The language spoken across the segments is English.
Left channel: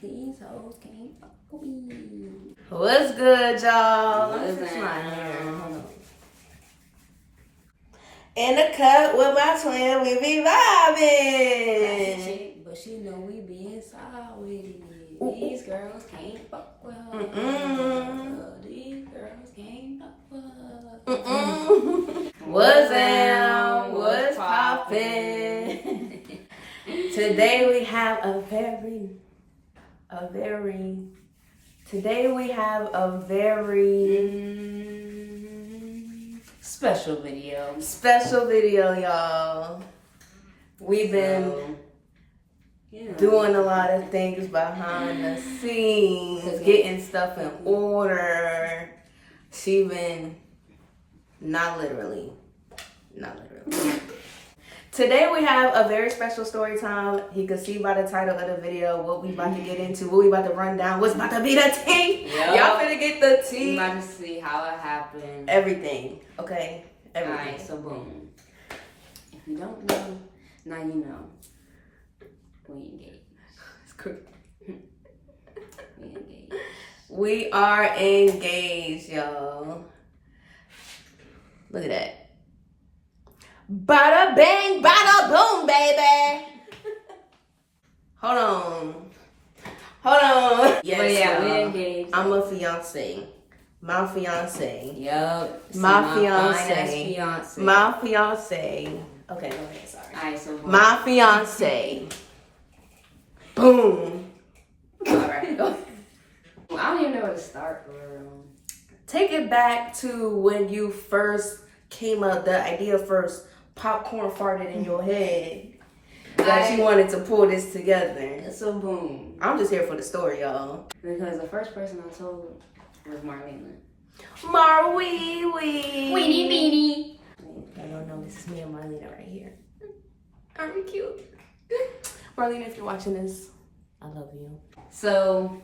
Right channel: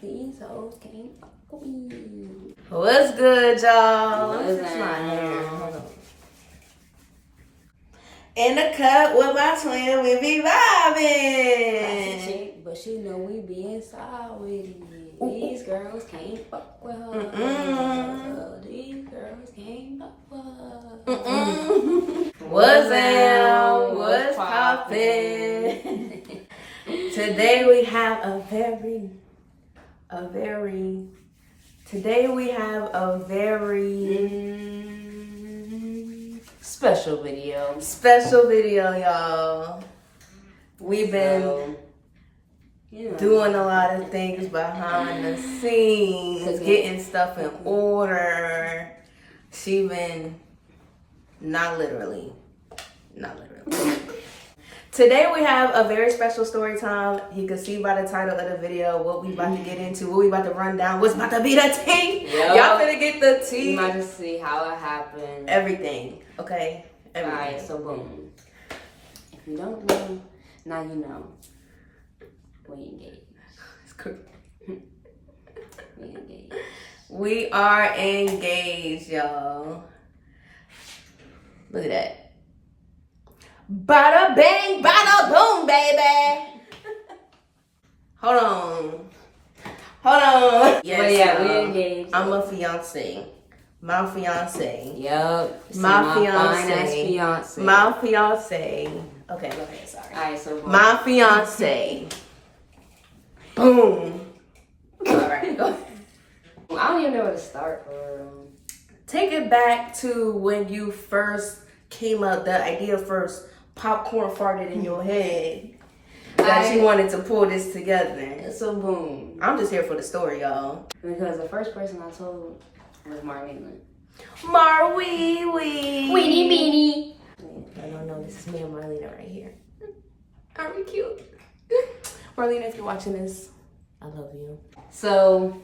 These hoes can't fuck with me. What's good, y'all? Let me fix my hair. Hold on. In the cut with my twin, we be vibing. But she know we be inside with it. These girls can't fuck with her. These girls can't fuck with her. What's down? What's poppin'? Today we have a very special video. Special video, y'all. We've been doing a lot of things behind the scenes, getting stuff in order. She been not literally. Today we have a very special story time. You can see by the title of the video what we about to get into, what we about to run down, what's about to be the tea. Yep. Y'all finna get the tea. You about to see how it happened. Everything, okay? Everything. Alright, so boom. If you don't know, now you know. We engaged. It's cool. We engaged. We are engaged, y'all. Look at that. Bada bang, bada boom, baby. Hold on. Yes, but yeah, we engaged. I'm a fiance. My fiance. Yup. My fiance. Fiance. My fiance. Okay, go ahead. Sorry. Alright, so my fiance. Boom. All right, go ahead. I don't even know where to start. Take it back to when you first came up. The idea first popcorn farted in your head that you wanted to pull this together. So boom. I'm just here for the story, y'all. Because the first person I told was Marlena. Weenie. Meanie. I don't know. This is me and Marlena right here. Aren't we cute? Marlena, if you're watching this, I love you. So,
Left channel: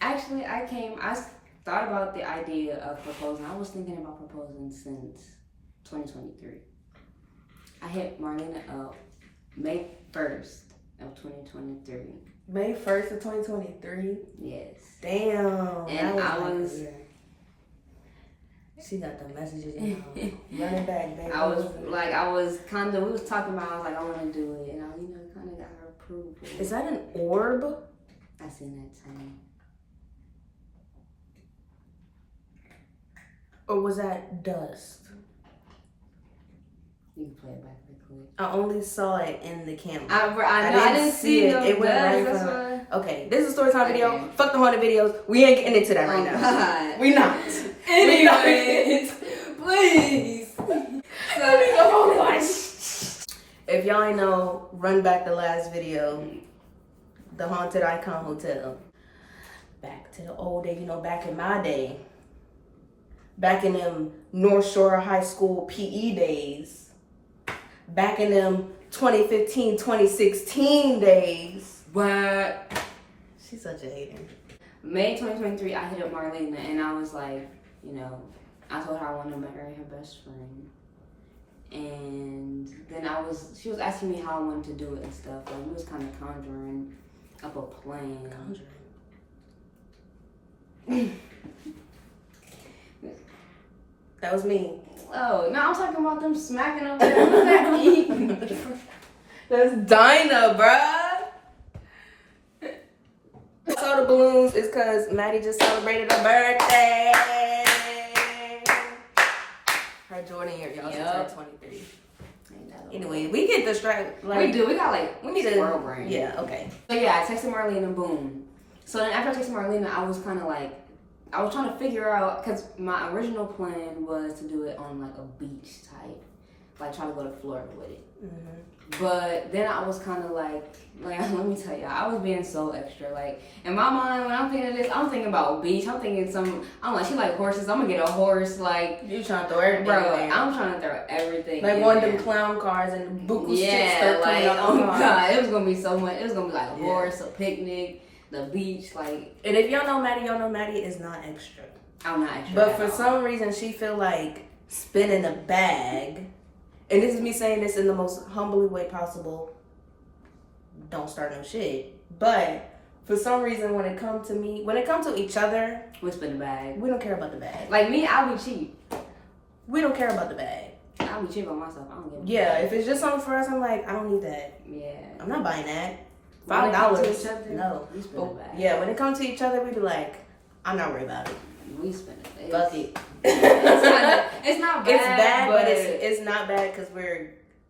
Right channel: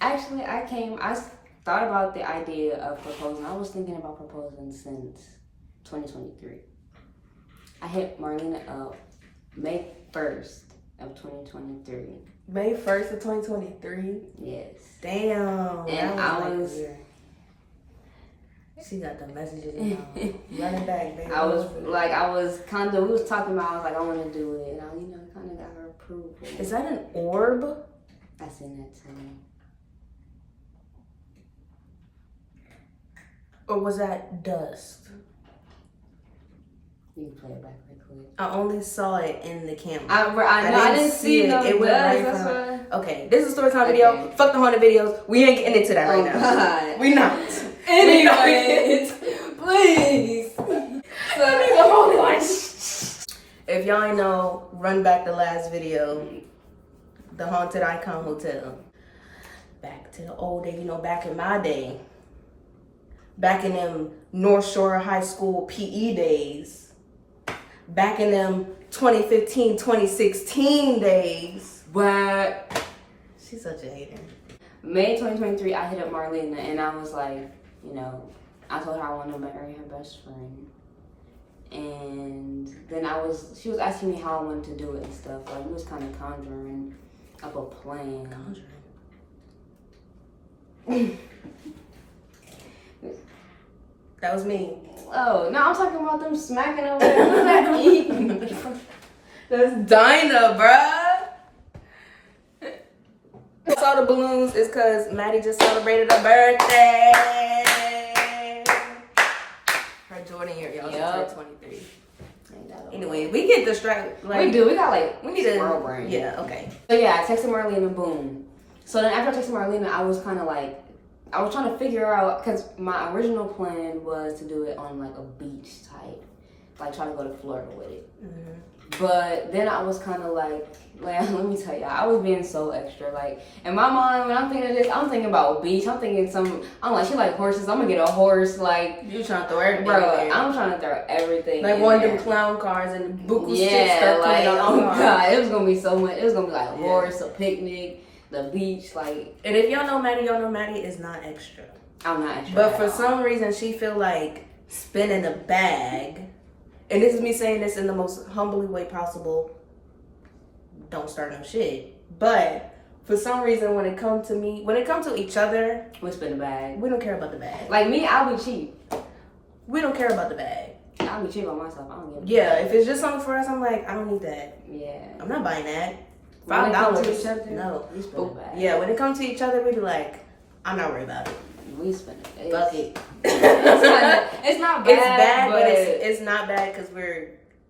actually, I thought about the idea of proposing. I was thinking about proposing since 2023. I hit Marlena up May 1st of 2023. May 1st of 2023? Yes. Damn. And she got the messages, running back, baby. we was talking about, I was like, I want to do it. And I, kind of got her approval. Is that an orb? I seen that too. Or was that dust? You can play it back real quick. I only saw it in the camera. I didn't see it. It went right in front of me. Okay, this is a story time video. Okay. Fuck the haunted videos. We ain't getting into that right now. God. We not. Anyways, please. If y'all ain't know, run back the last video. The Haunted Icon Hotel. Back to the old day, back in my day. Back in them North Shore High School PE days. Back in them 2015, 2016 days. But She's such a hater. May 2023, I hit up Marlena and I was like, I told her I wanted to marry her best friend. And then she was asking me how I wanted to do it and stuff. Like, we was kind of conjuring up a plan. Conjuring? That was me. Oh, no, I'm talking about them smacking over there. That's Dinah, bruh. I saw the balloons is because Maddy just celebrated her birthday. Her Jordan year, y'all. Yep. 23. Anyway, we get distracted. We do. We got we need squirrel brain. Yeah, okay. So yeah, I texted Marlena, boom. So then after I texted Marlena, I was kind of like, I was trying to figure out, because my original plan was to do it on like a beach type, like try to go to Florida with it. Mm-hmm. But then I was kind of like, let me tell y'all, I was being so extra. Like, in my mind, when I'm thinking of this, I'm thinking about beach. I'm thinking I'm like, she like horses. I'm gonna get a horse. Like, you trying to throw everything bro, in there. I'm trying to throw everything like in one of there. them clown cars and the buku sticks Yeah, start coming out the car. God, it was gonna be so much. It was gonna be like a horse, a picnic, the beach, like. And if y'all know Maddy is not extra. I'm not extra. But for some reason, she feel like spinning a bag, and this is me saying this in the most humbly way possible. Don't start no shit. But for some reason, when it comes to each other, We spin the bag. we don't care about the bag. Like me, I'll be cheap. We don't care about the bag. I'll be cheap on myself. I don't give a Yeah, if it's just something for us, I'm like, I don't need that. Yeah. I'm not buying that. When it comes to each $5, other, no. We spin But, the bag. yeah, when it comes to each other, we be like, I'm not worried about it. We spin it. Fuck it. It's not bad. It's bad, but it's not bad because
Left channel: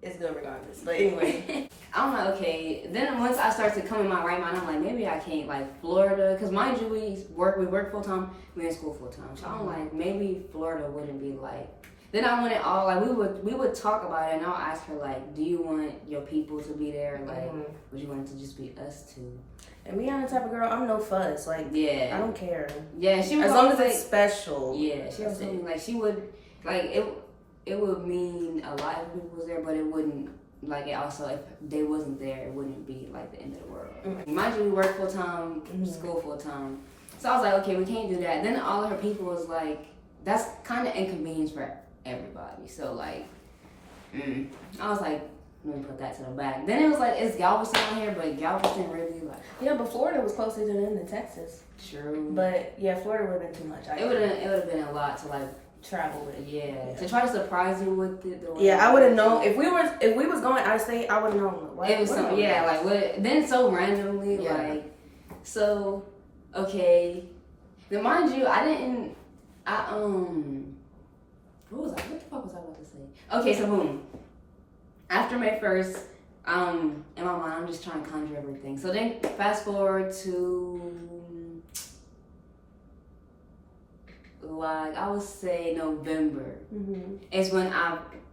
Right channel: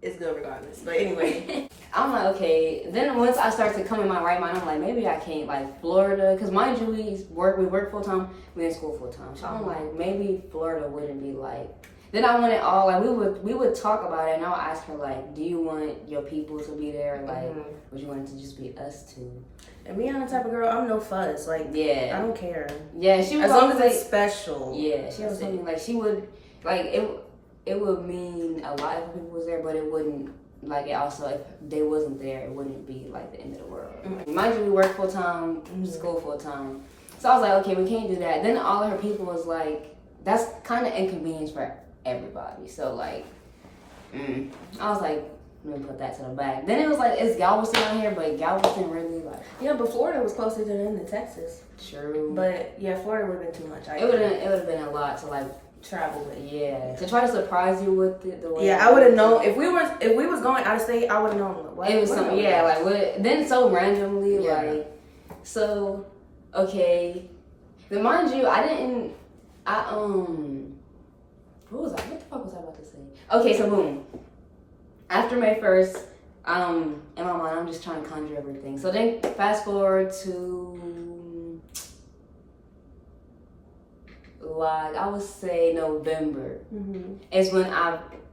it's good regardless. But anyway. I'm like, okay. Then once I start to come in my right mind, I'm like, maybe I can't, like Florida, because mind you, we work full time, we in school full time. So I'm like, maybe Florida wouldn't be like. Then I want it all like we would talk about it, and I'll ask her like, do you want your people to be there? Like, would you want it to just be us two? And me, I'm the type of girl, I'm no fuss. Like, Yeah. I don't care. Yeah, she was as long as like, it's special. Yeah, she was saying like she would like it would mean a lot if people was there, but it wouldn't like it also if they wasn't there, it wouldn't be like the end of the world. Mind you, we work full time, school full time. So I was like, okay, we can't do that. Then all of her people was like, that's kind of inconvenience for everybody. So like, I was like, let me put that to the back. Then it was like, it's Galveston on here, but Galveston really like. Yeah, but Florida was closer to them than Texas. True. But yeah, Florida would have been too much. It would have been a lot to like travel with. Yeah, to try to surprise you with the way. Yeah, I would have known if we was going out of state. I would have known. What, it was something. Yeah, like what? Then so randomly, Yeah. like so. Okay, then mind you, I didn't. What was I? What the fuck was I about to say? Okay, so boom. After May 1st, in my mind, I'm just trying to conjure everything. So then, fast forward to like I would say November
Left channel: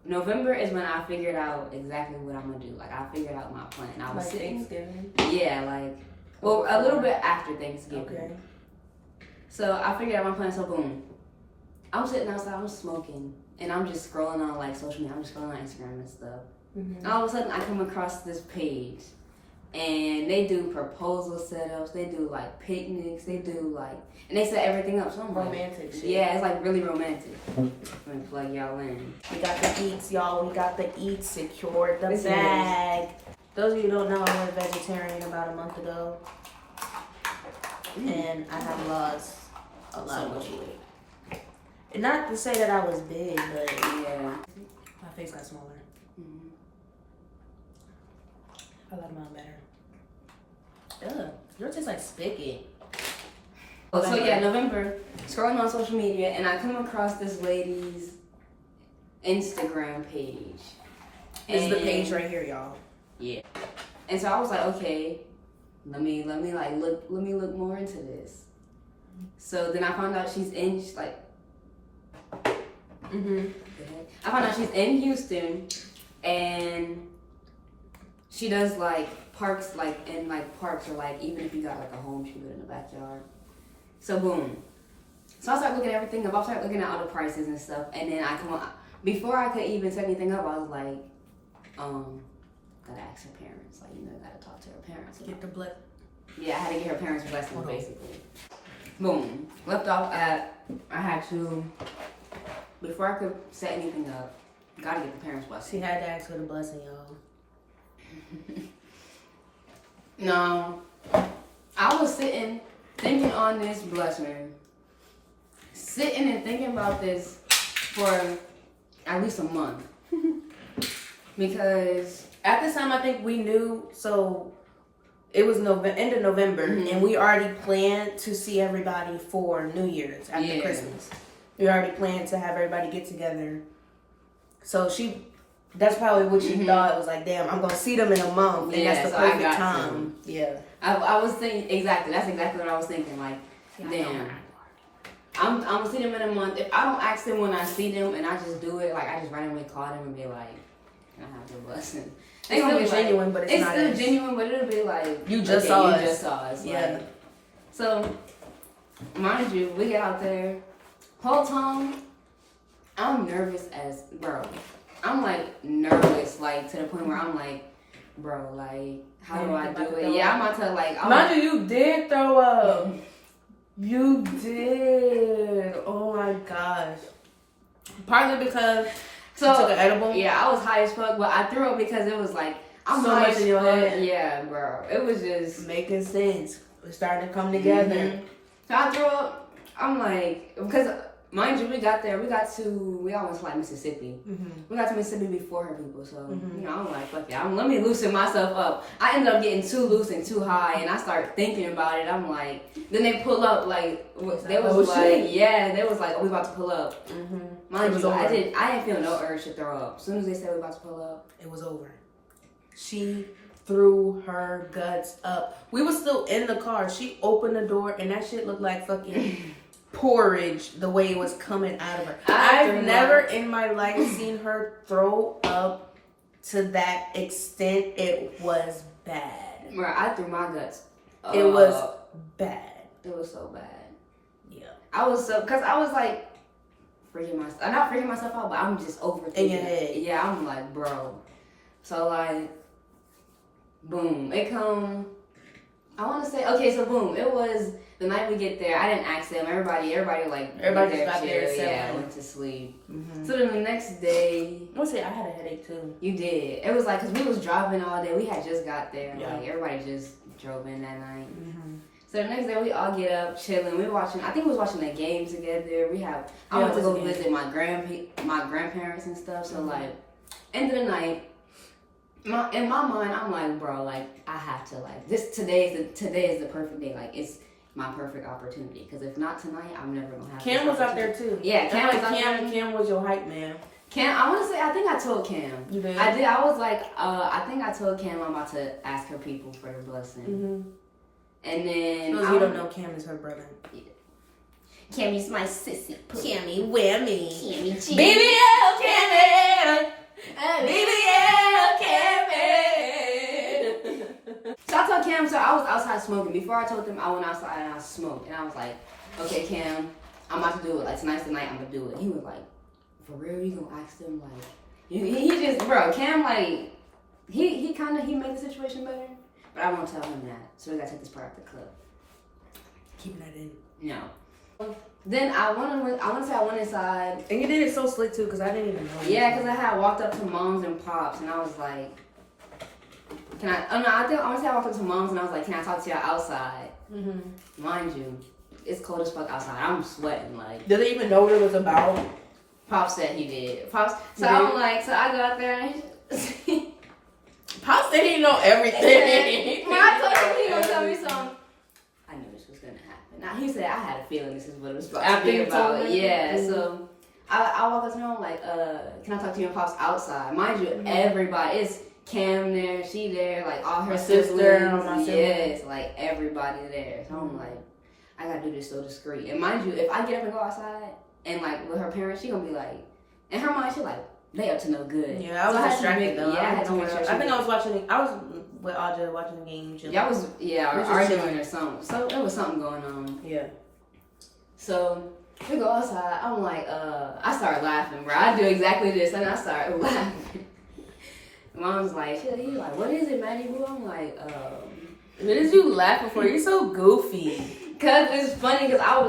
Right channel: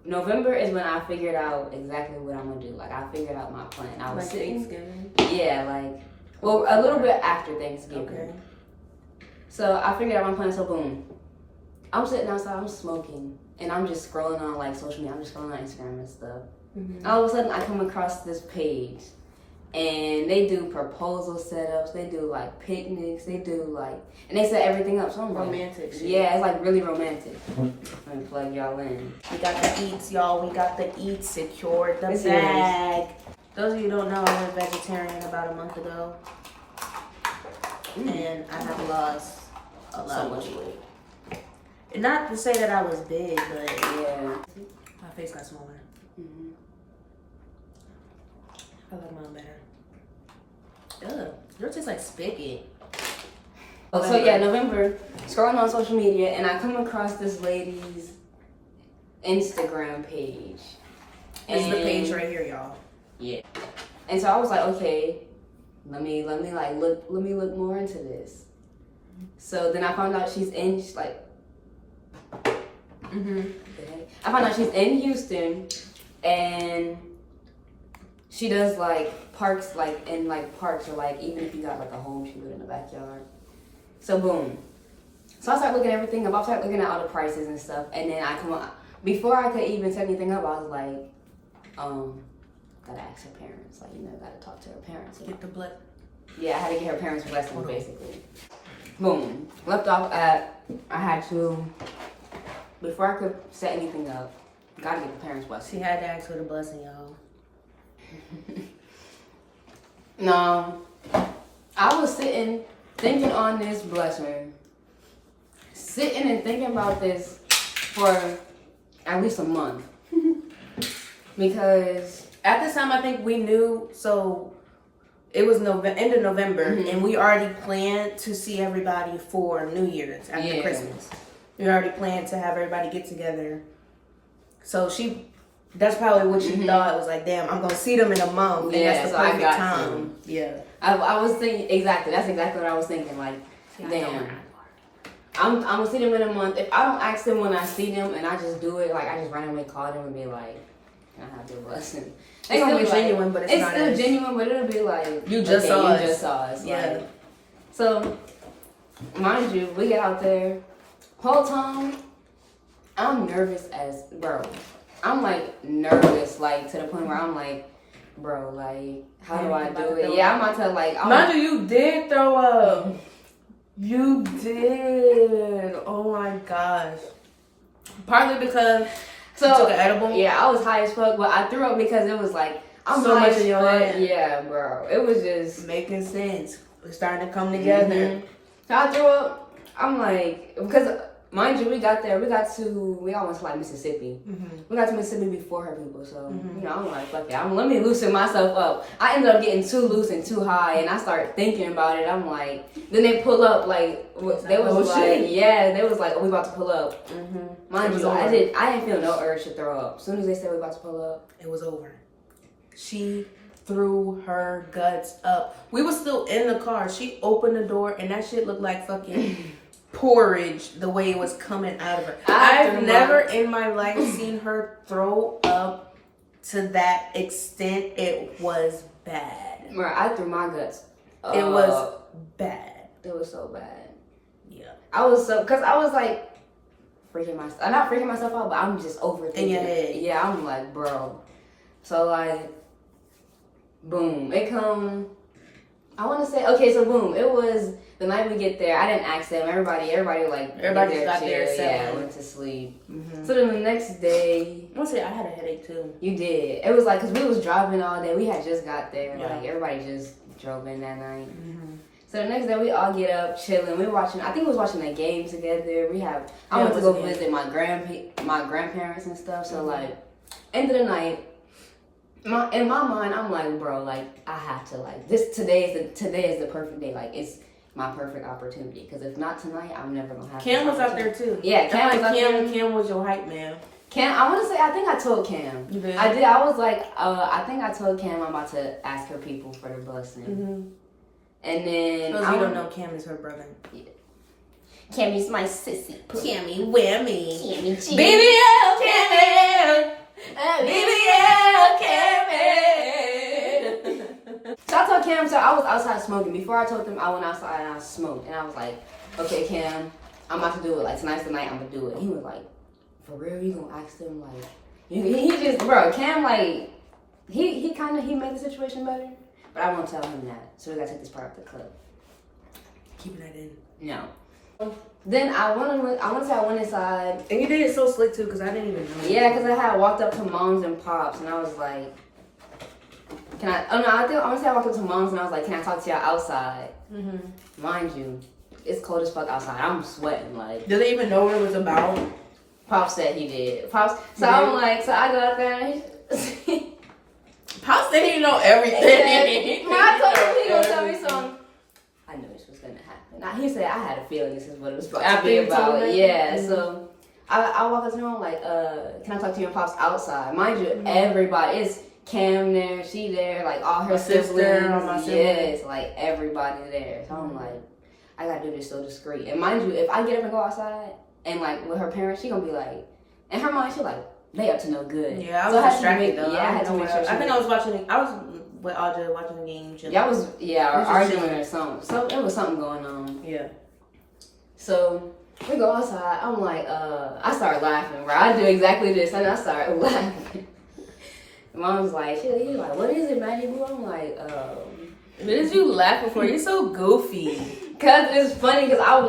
November is when I figured out exactly what I'm gonna do. Like I figured out my plan. I was like sitting, Thanksgiving. yeah, like well a little bit after Thanksgiving. Okay. So I figured out my plan. So boom, I'm sitting outside, I'm smoking, and I'm just scrolling on like social media. I'm just scrolling on Instagram and stuff. And all of a sudden, I come across this page, and they do proposal setups. They do like picnics. They do like, and they set everything up. So I'm Romantic like, shit. yeah, it's like really romantic. I'm gonna plug y'all in. We got the eats, y'all. We got the eats. Secured the It's bag. Those of you who don't know, I went vegetarian about a month ago, and I have lost a lot So of much weight. weight. And not to say that I was big, but Yeah. my face got smaller. I like mine better. Ugh, yours tastes like spigot. So yeah, November, scrolling on social media, and I come across this lady's Instagram page. This is the page right here, y'all. Yeah. And so I was like, okay, let me look more into this. So then I found out she's in I found out she's in Houston, and she does like parks, like in like parks, or like even if you got like a home, she do it in the backyard. So boom. So I started looking at everything up. I started looking at all the prices and stuff, and then I come on. Before I could even set anything up, I was like, gotta ask her parents. Like, gotta talk to her parents. Get the blood. Yeah, I had to get her parents' blessing, basically. Boom. Left off at, I had to, before I could set anything up, gotta get the parents' blessing. She had to ask for the blessing, y'all. No, I was sitting, thinking on this blessing, sitting and thinking about this for at least a month. Because at this time, I think we knew, so it was end of November, and we already planned to see everybody for New Year's after Christmas. We already planned to have everybody get together. So that's probably what she thought. It was like, damn, I'm going to see them in a month, and that's the perfect time. Yeah. I was thinking, exactly, that's exactly what I was thinking. Like, damn, I'm going to see them in a month. If I don't ask them when I see them and I just do it, like, I just randomly call them and be like, can I have your blessing? It's still genuine, but it's not still genuine, but it'll be like, you just saw us. You just saw us. Yeah. Like, so, mind you, we get out there. Whole time, I'm nervous as, bro. I'm like nervous, like to the point where I'm like, bro, like, how do I do it? Yeah, I'm about to like. Mind you, you did throw up. You did. Oh my gosh. Partly because So you took an edible. yeah, I was high as fuck, but I threw up because it was like I'm So high much as in your fuck. head. Yeah, bro. It was just Making sense. It's starting to come together. Mhm. So I threw up. I'm like, because mind you, we all went to like Mississippi. Mm-hmm. We got to Mississippi before her people, so Mhm. you know, I'm like, fuck it. Let me loosen myself up. I ended up getting too loose and too high, and I started thinking about it. I'm like, then they pull up, like they was like, yeah, they was like, oh, we about to pull up. Mm-hmm. Mind you, I didn't feel no urge to throw up. As soon as they said we about to pull up, it was over. She threw her guts up. We were still in the car. She opened the door, and that shit looked like fucking porridge the way it was coming out of her. I've never in my life seen her throw up to that extent. It was bad. bro, I threw my guts. It was bad. It was so bad. Yeah. I was like I'm not freaking myself out, but I'm just overthinking. In your head. Yeah, I'm like, bro. So like, boom, it come. I want to say, okay, so boom, it was the night we get there. I didn't ask them. Everybody just got there, yeah, went to sleep. Mm-hmm. So then the next day, I had a headache too. you did. It was like, cause we was driving all day. We had just got there. Yeah. Like everybody just drove in that night. Mm-hmm. So the next day we all get up, chilling. We watching. I think we was watching a game together. I Yeah, went to it go was a game. visit my grandparents and stuff. So Mm-hmm. like, end of the night. In my mind, I'm like, bro, like I have to like this. Today is the perfect day. Like it's my perfect opportunity. Because if not tonight, I'm never gonna have. Cam was out there too. Yeah, Cam was out there. Cam was your hype man. Cam, I want to say, I think I told Cam. You did? I did. I was like, I think I told Cam I'm about to ask her people for the blessing. Mm-hmm. And then Those you don't know, Cam is her brother. Cammy's my sissy. Cammy, whammy. Cammy, BBL, Cammy. BBL, Cammy. So I told Cam, so I was outside smoking. Before I told them I went outside and I smoked. And I was like, okay, Cam, I'm about to do it. Like, tonight's the night I'm going to do it. He was like, for real, you going to ask them? Like, he just, bro, Cam, like, he made the situation better. But I won't tell him that. So we got to take this part of the clip. Keeping that in. No. Then I want to say I went inside. And you did it so slick too, because I didn't even know. Yeah, because I had walked up to moms and pops, and I was like, "Can I?" Oh no, I want to say I walked up to moms, and I was like, "Can I talk to y'all outside?" Mm-hmm. Mind you, it's cold as fuck outside. I'm sweating. Like, Did they even know what it was about? Pops said he did. Pops. So Yeah. I'm like, so I go out there. And Pops said he know everything. when I told him he was gonna tell me something, I knew this was gonna happen. Now, he said I had a feeling this is what it was about to be about. Yeah. Mm-hmm. So I walk up to him like, can I talk to your pops outside? Mind you, everybody, it's Cam there, she there, like all her sister, my siblings. Yes, like everybody there. So I'm like, I gotta do this so discreet. And mind you, if I get up and go outside and like with her parents, she gonna be like, in her mind, she like, they up to no good. Yeah, I was distracted though. Yeah, I had to make sure. I think I was with Audra watching the game. Y'all or arguing or something. So there was something going on. Yeah. So we go outside. I'm like, I start laughing, bro. I do exactly this, and I start laughing. Mom's like, he's like, what is it, Maddy? I'm like, What is you laughing for? You're so goofy. Cause it's funny, cause I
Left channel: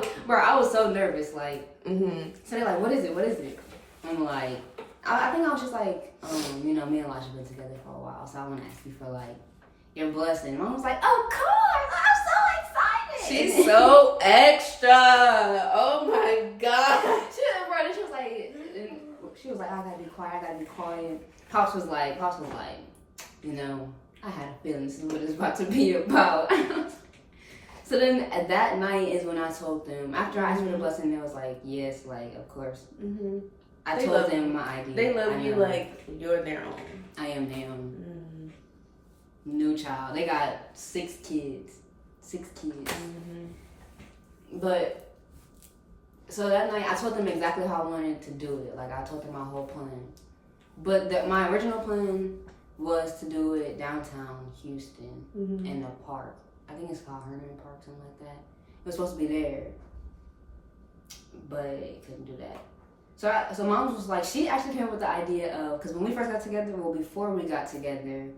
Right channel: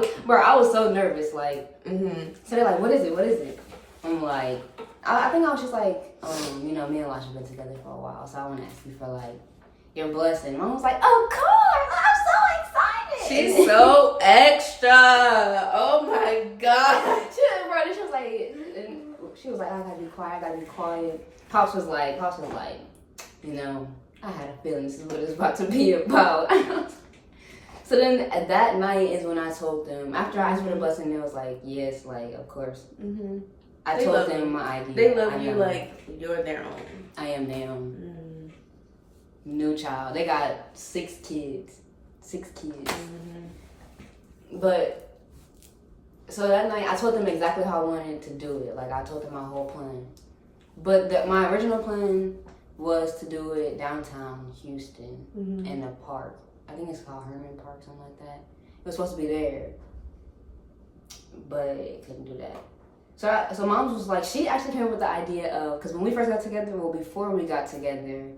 was so nervous, like. Mm-hmm. So they're like, what is it? I'm like, I think I was just like, me and Elijah have been together for a while, so I want to ask you for like your blessing. Mom was like, of course, I'm so excited. She's so extra. Oh my god. She was like, I gotta be quiet. Pops was like, you know, I had a feeling this is what it's about to be about. So then that night is when I told them, after I asked for the blessing, they was like, yes, like, of course. Mm-hmm. I told them my idea. They love you like you're their own. I am them. New child. They got 6 kids. 6 kids. Mm-hmm. But, so that night, I told them exactly how I wanted to do it. Like, I told them my whole plan. But my original plan was to do it downtown Houston in a park. I think it's called Herman Park, something like that. It was supposed to be there, but it couldn't do that. So Mom was like, she actually came up with the idea of, because when we first got together, well, before we got together,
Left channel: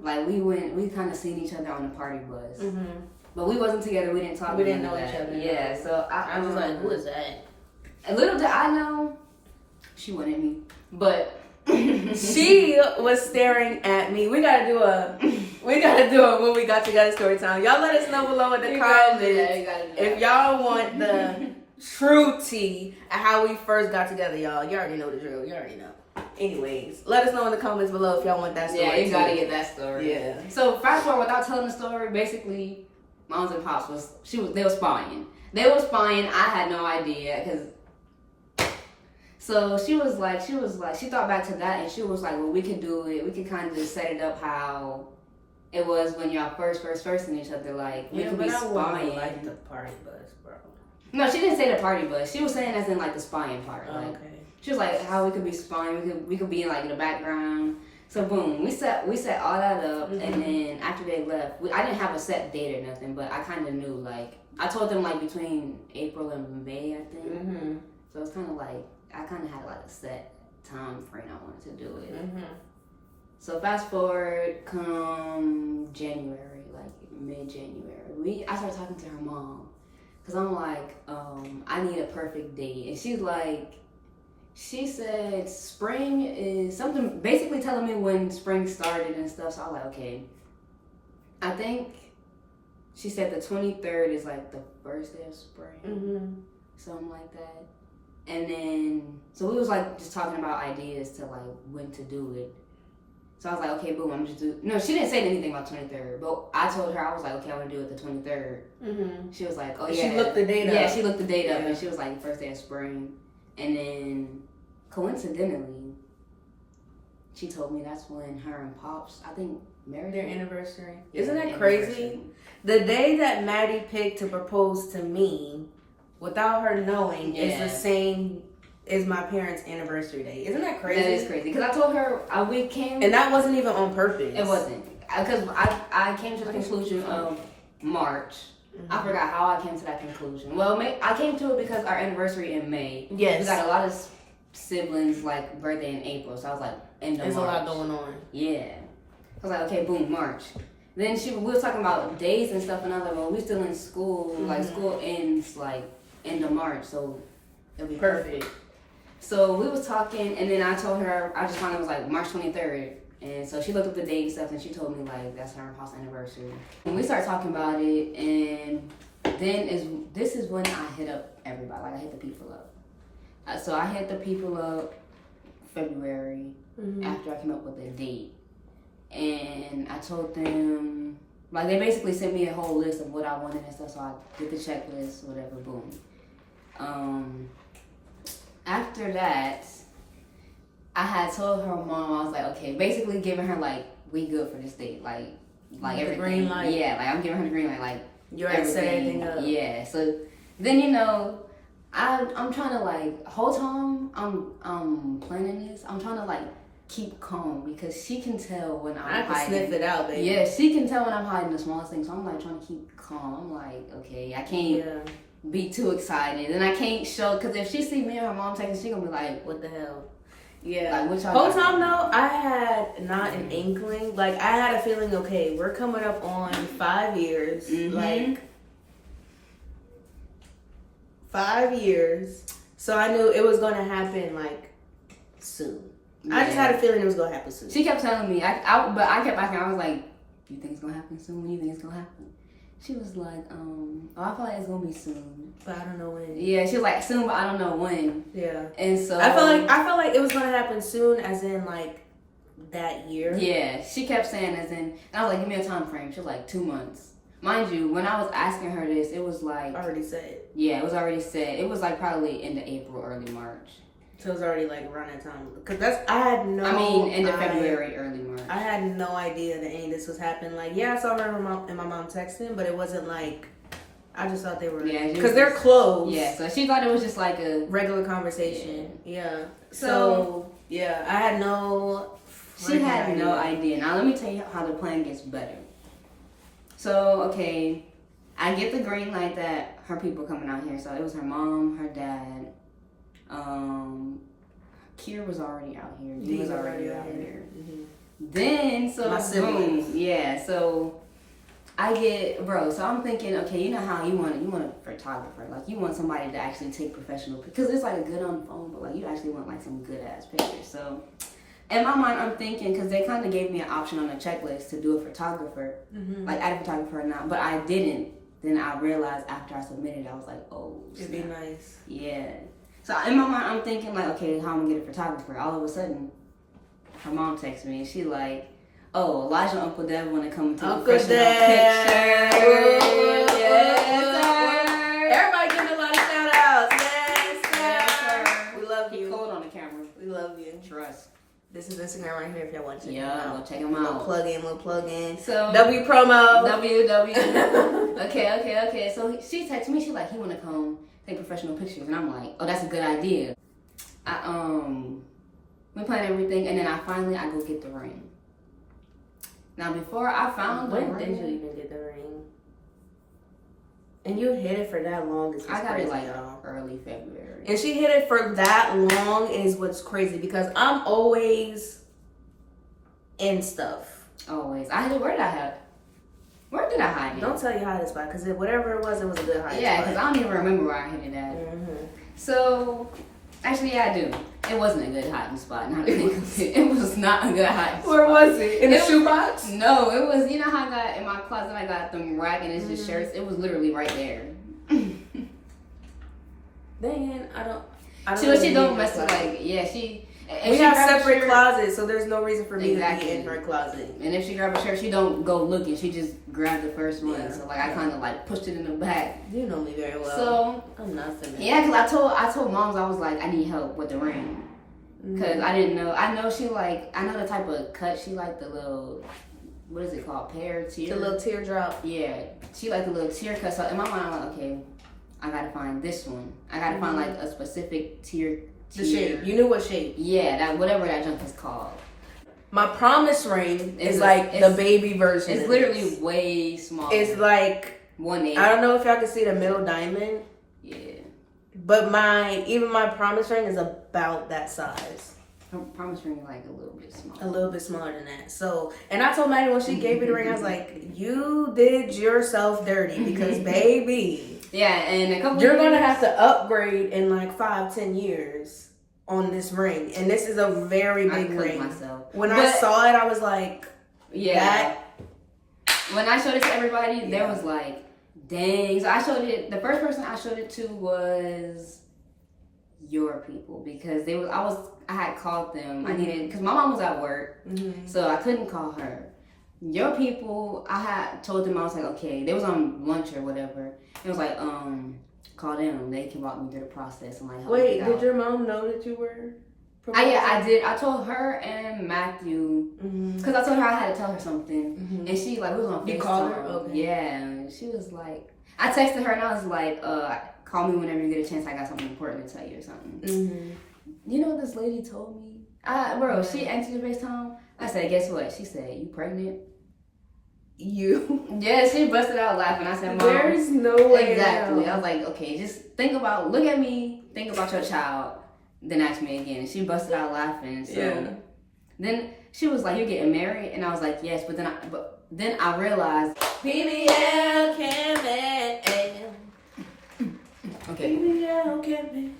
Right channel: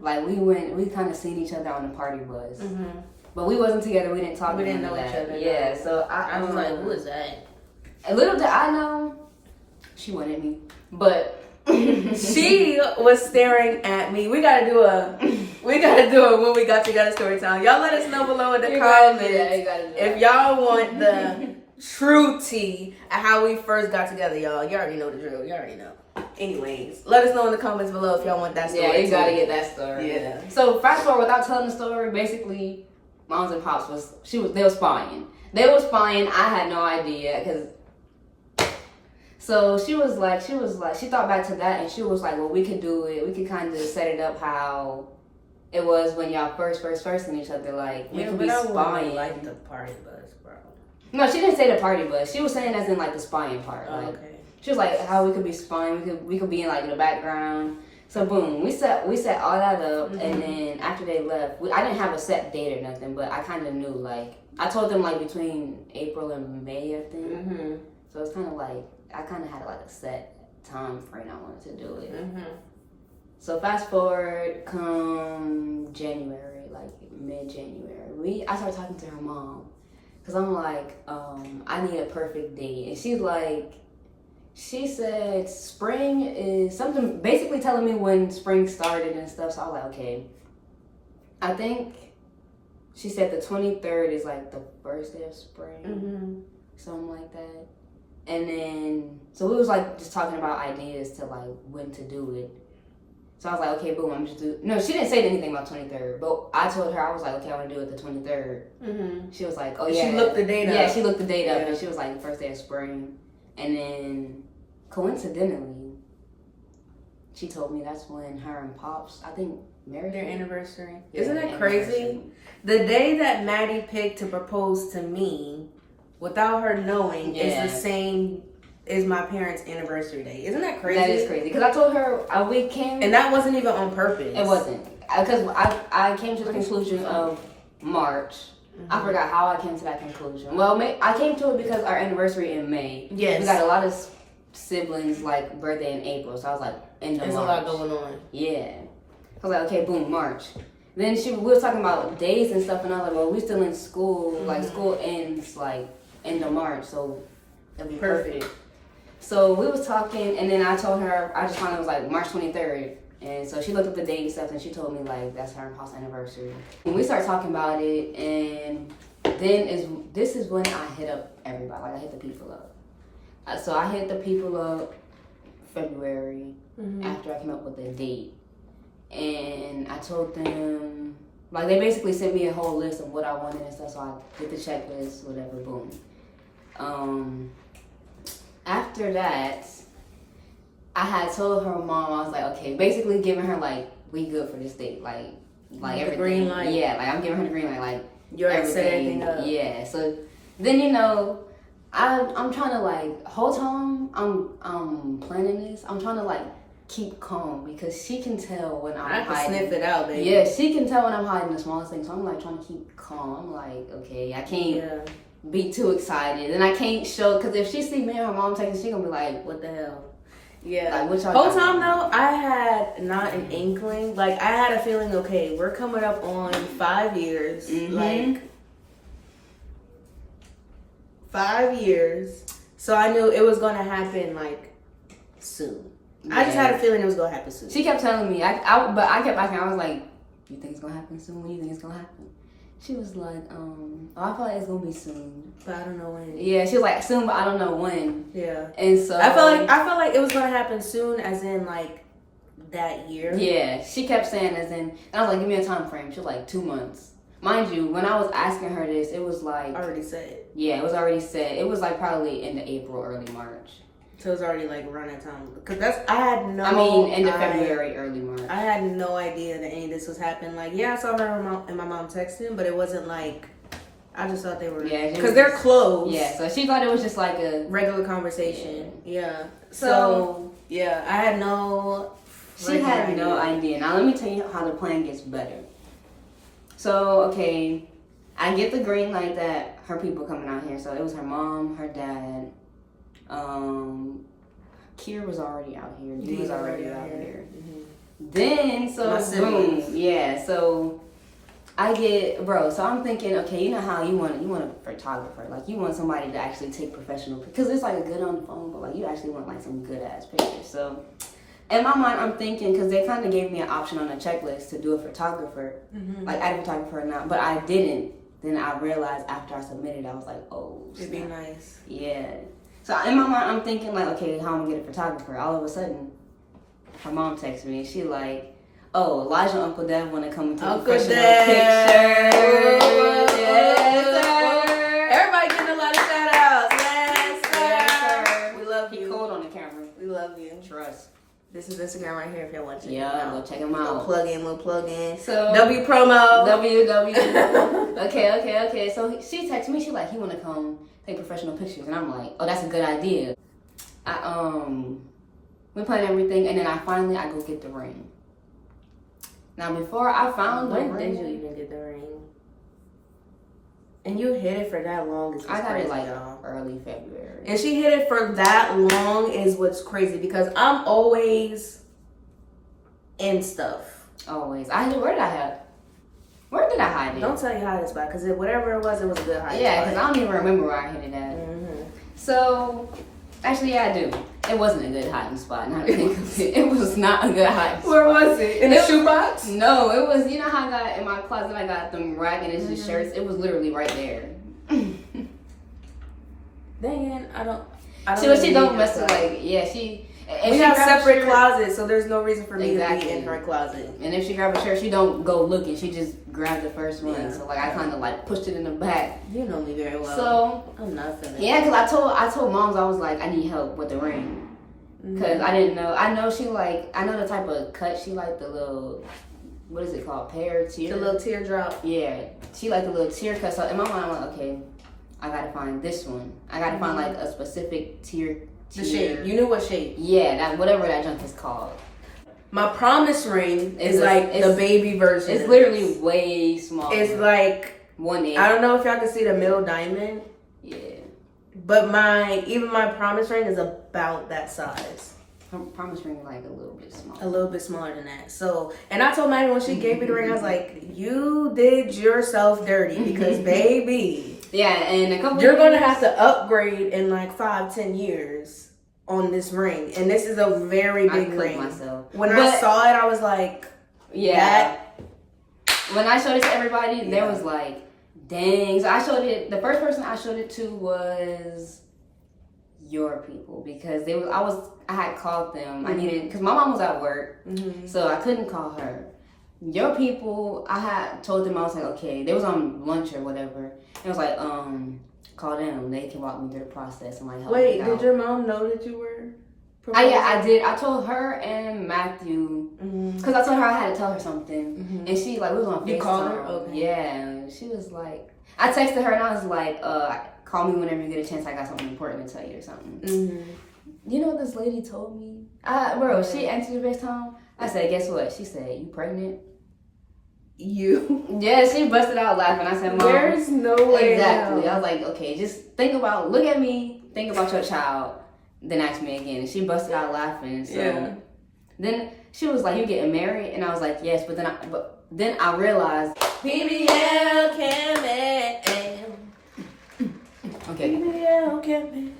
like we kind of seen each other on the party bus. But we wasn't together, we didn't talk. We didn't know each other. Yeah, so I was like, who is that? A little did I know, She wanted me, but she was staring at me. We gotta do a when we got together story time. Y'all let us know below in the comments if y'all want the true tea at how we first got together, y'all. You already know the drill. You already know. Anyways, let us know in the comments below if y'all want that story. Yeah, you gotta get that story. Yeah. So fast forward, without telling the story, basically, moms and pops they were spying. They were spying. I had no idea because. So she thought back to that and she was like, well, we could do it. We could kind of set it up how it was when y'all first in each other. Like we could be spying. Like the party bus, bro. No, she didn't say the party bus. She was saying as in like the spying part. Oh, like, okay. She was like how we could be spying. We could be in like in the background. So boom, we set all that up, and then after they left, I didn't have a set date or nothing, but I kind of knew. Like I told them like between April and May, I think. Mm-hmm. So it's kind of like I kind of had like a set time frame I wanted to do it. Mm-hmm. So fast forward, come January, like mid-January, I started talking to her mom because I'm like, I need a perfect date, and she's like. She said spring is something, basically telling me when spring started and stuff. So I was like, okay. I think she said the 23rd is like the first day of spring, something like that. And then, so we was like just talking about ideas to like when to do it. So I was like, okay, boom, I'm just do. No, she didn't say anything about 23rd, but I told her I was like, okay, I'm gonna do it the 23rd. Mm-hmm. She was like, oh yeah. She looked the date up. Yeah, she looked the date up, and she was like the first day of spring. And then, coincidentally, she told me that's when her and Pops, I think, married their anniversary. Isn't that crazy? The day that Maddy picked to propose to me, without her knowing, is the same as my parents' anniversary day. Isn't that crazy? That is crazy. Because I told her we came... And that wasn't even on purpose. It wasn't. Because I came to the conclusion of March. Mm-hmm. I forgot how I came to that conclusion. Well, I came to it because our anniversary in May. Yes. We got a lot of siblings, like, birthday in April. So I was like, There's March. A lot going on. Yeah. I was like, okay, boom, March. Then we was talking about days and stuff, and I was like, well, we still in school. Mm-hmm. Like, school ends, like, end of March. So it'll be perfect. So we was talking, and then I told her, I just found it was, like, March 23rd. And so she looked up the date and stuff, and she told me, like, that's her and Paul's anniversary. And we started talking about it, and then this is when I hit up everybody. Like, I hit the people up. So I hit the people up February after I came up with a date. And I told them, like, they basically sent me a whole list of what I wanted and stuff, so I did the checklist, whatever, boom. After that, I had told her mom, I was like, okay, basically giving her, like, we good for this date. Like everything. Green light. Yeah, like, I'm giving her the green light. Like, you already set everything up. Yeah, so then, I'm trying to, like, whole time I'm planning this, I'm trying to, like, keep calm because she can tell when I'm hiding. I can sniff it out, baby. Yeah, she can tell when I'm hiding the smallest things. So I'm, like, trying to keep calm. I'm like, okay, I can't be too excited. And I can't show, because if she see me and her mom texting, she gonna be like, what the hell? Yeah. Like, whole time though, I had not an inkling. Like, I had a feeling, okay, we're coming up on 5 years. Like, 5 years. So I knew it was gonna happen, like, soon. Yeah. I just had a feeling it was gonna happen soon. She kept telling me, but I kept asking, I was like, you think it's gonna happen soon? When do you think it's gonna happen? She was like, I feel like it's gonna be soon, but I don't know when. Yeah, she was like soon, but I don't know when. Yeah, and so I felt like it was gonna happen soon, as in like that year. Yeah, she kept saying as in, and I was like, give me a time frame. She was like 2 months. Mind you, when I was asking her this, it was like already said. Yeah, it was already said. It was like probably end of April, early March. So it was already like running time. Because end of February, early March. I had no idea that any of this was happening. Like, yeah, I saw her and my mom texting, but it wasn't like, I just thought they were, because they're close. Yeah, so she thought it was just like a regular conversation. Yeah. So yeah, I had no. She had no idea. Now let me tell you how the plan gets better. So, okay, I get the green light that her people coming out here. So it was her mom, her dad. Kier was already out here. He was already out here. Mm-hmm. Then, so boom, yeah. So I get, bro. So I'm thinking, okay, you know how you want a photographer, like you want somebody to actually take professional pictures, because it's like a good on the phone, but like you actually want like some good ass pictures. So in my mind, I'm thinking, because they kind of gave me an option on the checklist to do a photographer, like add a photographer or not, but I didn't. Then I realized after I submitted, I was like, oh, it'd be nice. Yeah. So in my mind, I'm thinking like, okay, how am I gonna get a photographer? All of a sudden, her mom texts me and she like, oh, Elijah and Uncle Dev want to come and take a professional picture. Everybody getting a lot of shout outs. Yes, sir. Yes, sir. We love He you. cold on the camera. We love you. Trust. This is Instagram right here if y'all want to check him Yeah, out. go check him out. Little plug in. So W promo. W. Okay. So she texted me. She like, he want to come take professional pictures, and I'm like, oh, that's a good idea. We planned everything, and then I go get the ring. Now before I found the ring, when did you even get the ring? And you hid it for that long. It's I got crazy, it like y'all. early February. And she hid it for that long is what's crazy because I'm always in stuff. Always. Where did I have it? Where did I hide it? Don't tell you hide it spot because whatever it was a good hiding Yeah, spot. because I don't even remember where I hid it at. Mm-hmm. So, actually, yeah, I do. It wasn't a good hiding spot. Now that I think of it. It was not a good hiding spot. Where was it? In the shoebox? No, it was, you know how I got in my closet, I got them rack and it's just shirts. It was literally right there. Then I don't She don't mess with like, yeah, she. We have separate closets, so there's no reason for me to be in her closet. And if she grab a shirt, she don't go looking. She just grabbed the first one. Yeah. So like I kind of like pushed it in the back. You know me very well. So I'm not feeling. Yeah, because I told moms I was like I need help with the ring because I didn't know. I know she like I know the type of cut she like the little what is it called tear. The little teardrop. Yeah, she like the little tear cut. So in my mind I'm like okay, I gotta find this one. I gotta find like a specific tear. The shape. You knew what shape. Yeah, that whatever that junk is called. My promise ring is like the baby version. It's literally way smaller. It's like 1/8. I don't know if y'all can see the middle diamond. Yeah. But my promise ring is about that size. Her promise ring like a little bit smaller. A little bit smaller than that. So, and I told Maddy when she gave me the ring, I was like, you did yourself dirty because baby. Yeah, and a couple You're gonna have to upgrade in like 5-10 years on this ring, and this is a very big ring. Myself. When I saw it, I was like, yeah. When I showed it to everybody, they was like, dang. So I showed it. The first person I showed it to was your people because I had called them. I needed because my mom was at work, so I couldn't call her. Your people, I had told them I was like, okay, they was on lunch or whatever. And I was like, call them. They can walk me through the process and like help me out. Did your mom know that you were? Yeah, I did. I told her and Matthew because I told her I had to tell her something, and she like we was on FaceTime. You called her? Okay. Yeah, and she was like, I texted her and I was like, call me whenever you get a chance. I got something important to tell you or something. You know what this lady told me? She answered the FaceTime. I said, guess what? She said, you pregnant? You? Yeah, she busted out laughing. I said, Mom. There's no way. Exactly. Now. I was like, okay, just look at me, think about your child, then ask me again. And she busted out laughing. So then she was like, you're getting married? And I was like, yes. But then I realized, BBL can make. Okay. BBL can make.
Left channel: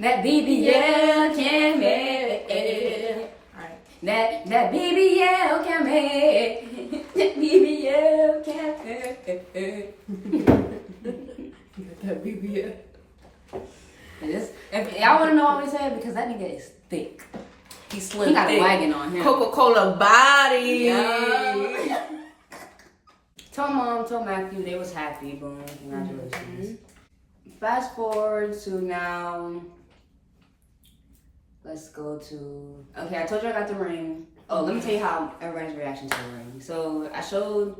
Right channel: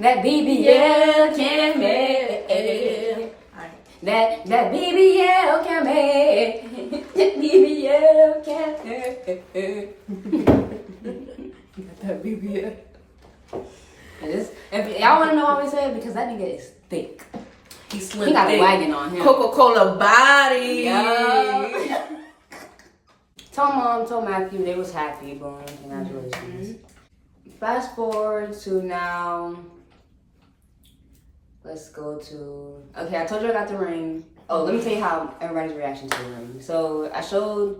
That BBL can make. That BBL can make. That BBL can make. That BBL. If y'all want to know why we said, because that nigga is thick. He's slim. He got a wagon on him. Coca-Cola body. Yeah. Told Mom, told Matthew, they was happy. Boom, congratulations. Fast forward to now. Let's go to. Okay, I told you I got the ring. Oh, let me tell you how everybody's reaction to the ring. So I showed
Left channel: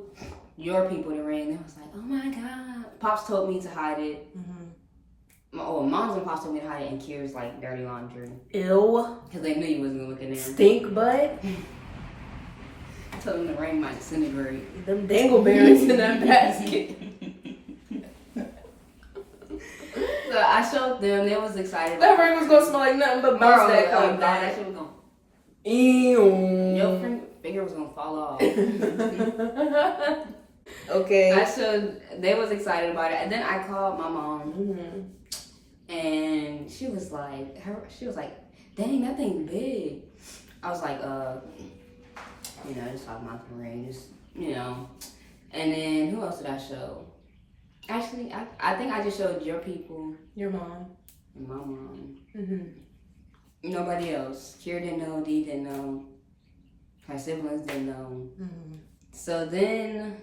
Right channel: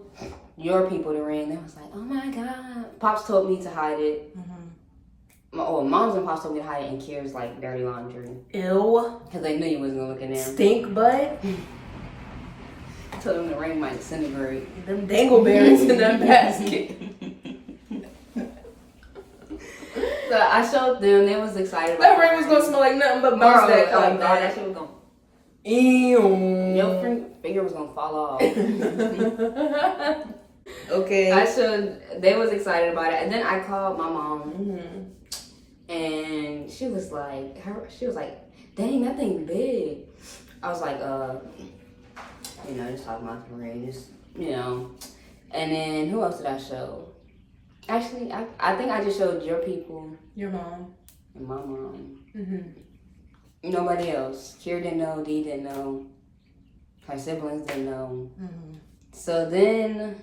your people the ring. They was like, "Oh my god!" Pops told me to hide it. Moms and Pops told me to hide it in Kira's like dirty laundry. Ew. Because they knew you wasn't gonna look in there. Stink butt. I told them the ring might disintegrate. Them dangleberries in that basket. So I showed them. They was excited. That ring was gonna smell like nothing but bounce that God, back. that shit was gonna. Ew. Your finger was gonna fall off. Okay. They was excited about it. And then I called my mom. Mm-hmm. And she was like, dang, that thing big. I was like, just talking about the ring, And then who else did I show? Actually, I think I just showed your people. Your mom. And my mom. Mm-hmm. Nobody else. Kira didn't know, Dee didn't know. Her siblings didn't know. Mm-hmm. So then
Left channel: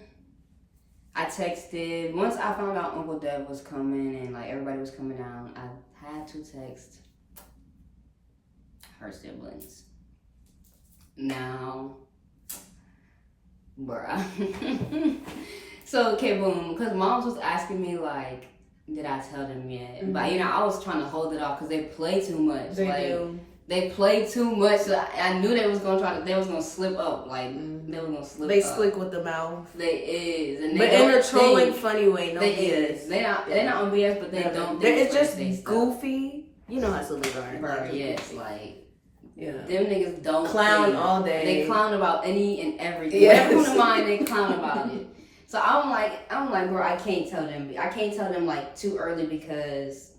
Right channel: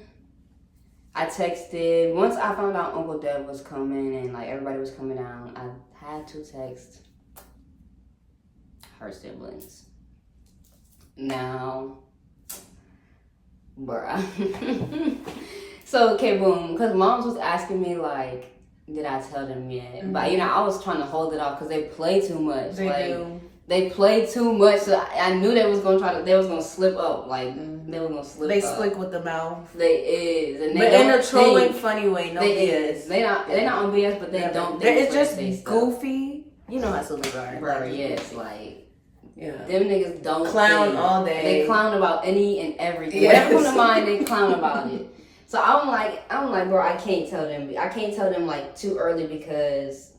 I texted, once I found out Uncle Deb was coming and like everybody was coming down, I had to text her siblings. Now, bruh. So, okay, boom, because moms was asking me like, did I tell them yet? Mm-hmm. But I was trying to hold it off because they play too much. They do. They play too much, so I knew they was gonna slip up. Like they was gonna slip. They up. Slick with the mouth. They is, and but in a trolling, funny way. No BS. They're not on BS, but they don't. It's just goofy. You know how siblings are. Bro, yes, like them niggas don't clown all day. They clown about any and everything. Yes. Whatever comes to mind, they clown about it. So I'm like, bro, I can't tell them like too early because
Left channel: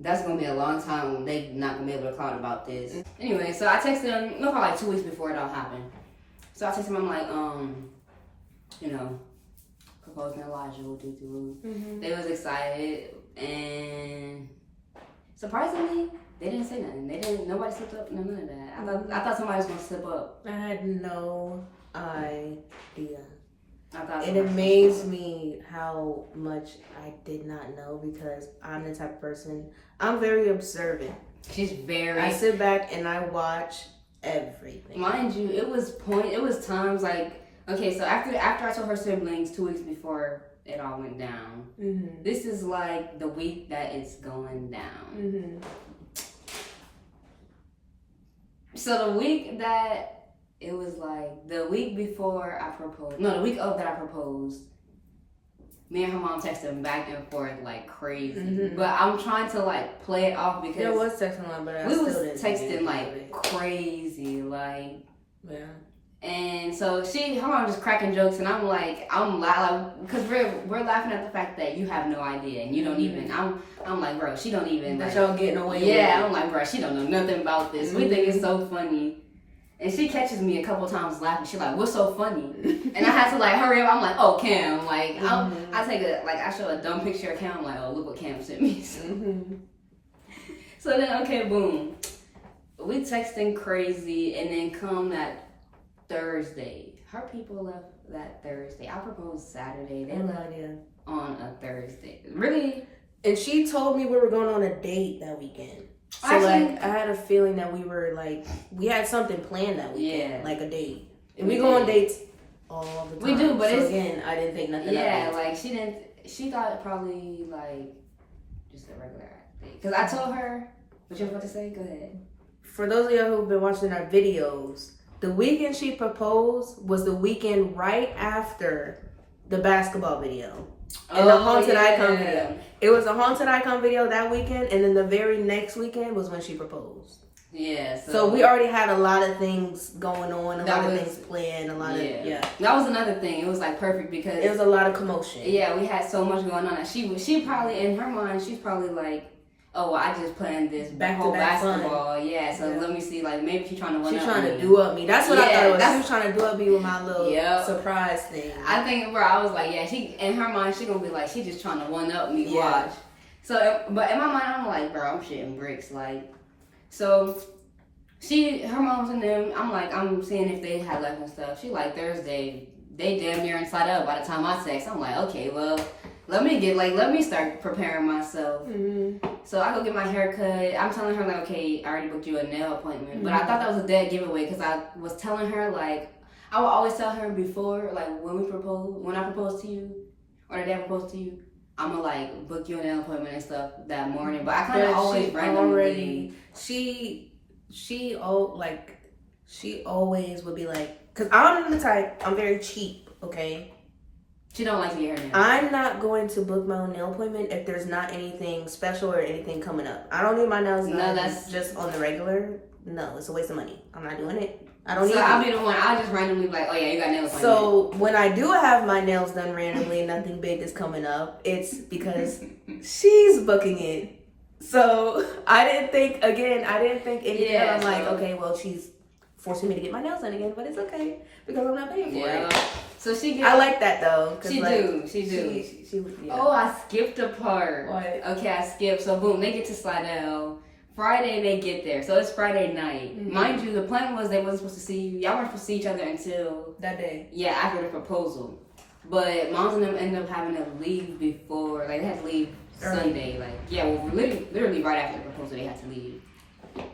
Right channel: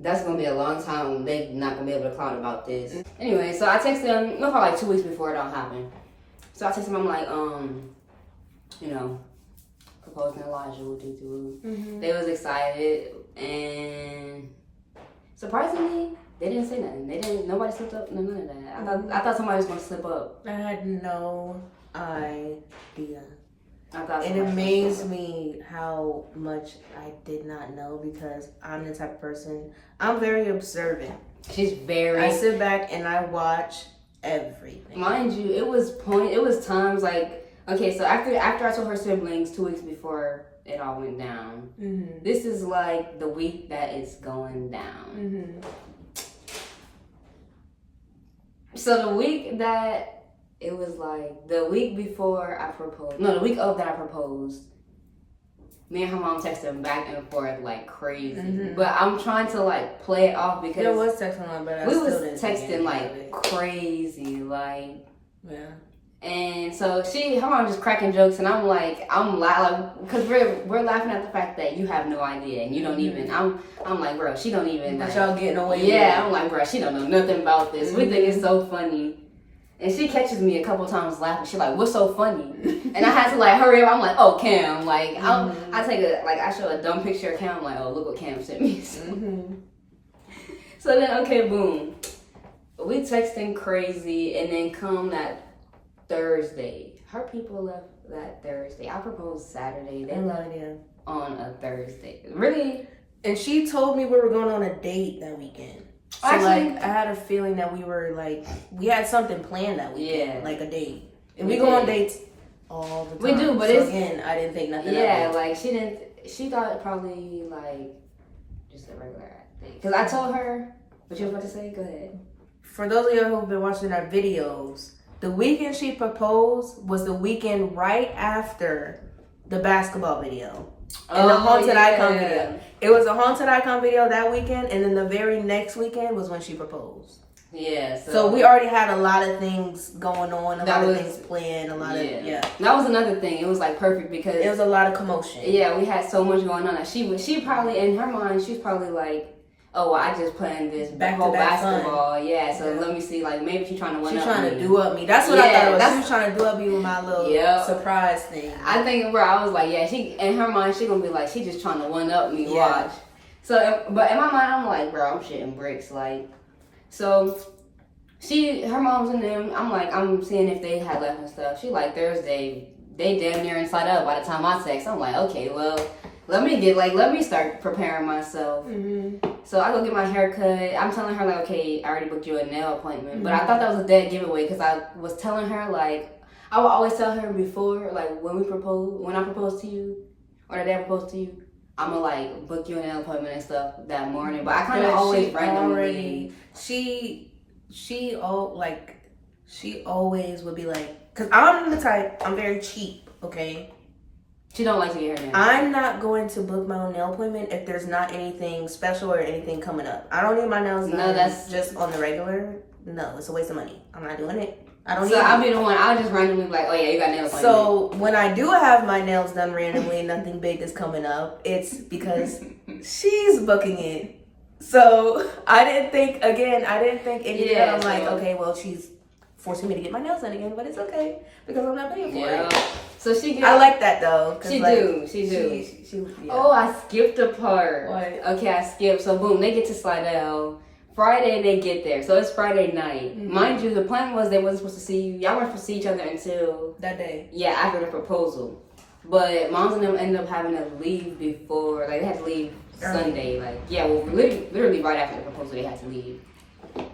that's gonna be a long time. They not gonna be able to clown about this. Anyway, so I texted them, probably like 2 weeks before it all happened. So I texted them, I'm like, proposing Elijah, Mm-hmm. They was excited, and surprisingly, they didn't say nothing. Nobody slipped up, none of that. I thought somebody was gonna slip up. I had no idea. It amazed me how much I did not know because I'm the type of person, I'm very observant. She's very... I sit back and I watch everything. Mind you, it was times like, okay, so after I told her siblings 2 weeks before it all went down, mm-hmm. This is like the week that it's going down. Mm-hmm. So the week that... It was like the week before I proposed. No, the week of that I proposed. Me and her mom texted back and forth like crazy. Mm-hmm. But I'm trying to like play it off because there was texting line, but I still didn't texting like crazy, like yeah. And so her mom just cracking jokes, and I'm laughing because we're laughing at the fact that you have no idea and you don't even. I'm like, bro, she don't even. That y'all getting away with. Yeah, I'm like, bro, she don't know nothing about this. We think it's so funny. And she catches me a couple times laughing. She's like, "What's so funny?" And I had to like hurry up. I'm like, "Oh, Cam!" Like I take I show a dumb picture of Cam. I'm like, "Oh, look what Cam sent me." So then, okay, boom, we texting crazy, and then come that Thursday. Her people left that Thursday. I proposed Saturday. They left on a Thursday. Really? And she told me we were going on a date that weekend. So actually, I had a feeling that we had something planned that weekend, like a date. And we go on dates all the time. We do, but again, I didn't think nothing of it. Yeah, like she thought it probably like just a regular date. Because I told her, what you were about to say? Go ahead. For those of you who've been watching our videos, the weekend she proposed was the weekend right after the basketball video. And the Haunted Icon video. It was a Haunted Icon video that weekend, and then the very next weekend was when she proposed. Yeah. So we already had a lot of things going on, a lot of things planned, That was another thing. It was like perfect because it was a lot of commotion. Yeah, we had so much going on. She probably in her mind, she's probably like, oh, well, I just planned this whole basketball. Fun. Yeah, so let me see, like, maybe she's trying to She's trying to do up me. That's what I thought it was. She was trying to do up me with my little surprise thing. I think where I was like, yeah, she in her mind, she gonna be like, she just trying to one up me. Yeah. Watch. So, but in my mind, I'm like, bro, I'm shitting bricks. Like, so her mom's in them. I'm like, I'm seeing if they had left and stuff. She like Thursday, they damn near inside out by the time I text. I'm like, okay, well, let me start preparing myself. Mm-hmm. So I go get my hair cut. I'm telling her like, okay, I already booked you a nail appointment. Mm-hmm. But I thought that was a dead giveaway because I was telling her like, I would always tell her before, like when I propose to you, or the day I propose to you, I'm gonna like book you a nail appointment and stuff that morning. But I kind of always randomly. She always would be like, cause I'm the type, I'm very cheap, okay? She don't like to get her nails. I'm not going to book my own nail appointment if there's not anything special or anything coming up. I don't need my nails done. No, that's just on the regular no, it's a waste of money. I'm not doing it. I don't need So I'll be the one, I'll just randomly be like, oh yeah, you got nail appointment. So when I do have my nails done randomly and nothing big is coming up, it's because she's booking it. So I didn't think anything. Yeah, I'm like, okay, well, she's forcing me to get my nails done again, but it's okay because I'm not paying for it. So she I like that though. She do. Yeah. Oh, I skipped a part. What? Okay, I skipped. So boom, they get to Slidell. Friday they get there, so it's Friday night. Mm-hmm. Mind you, the plan was they wasn't supposed to see you. Y'all weren't supposed to see each other until that day. Yeah, after the proposal. But moms and them ended up having to leave before, like they had to leave Sunday. Like literally right after the proposal they had to leave.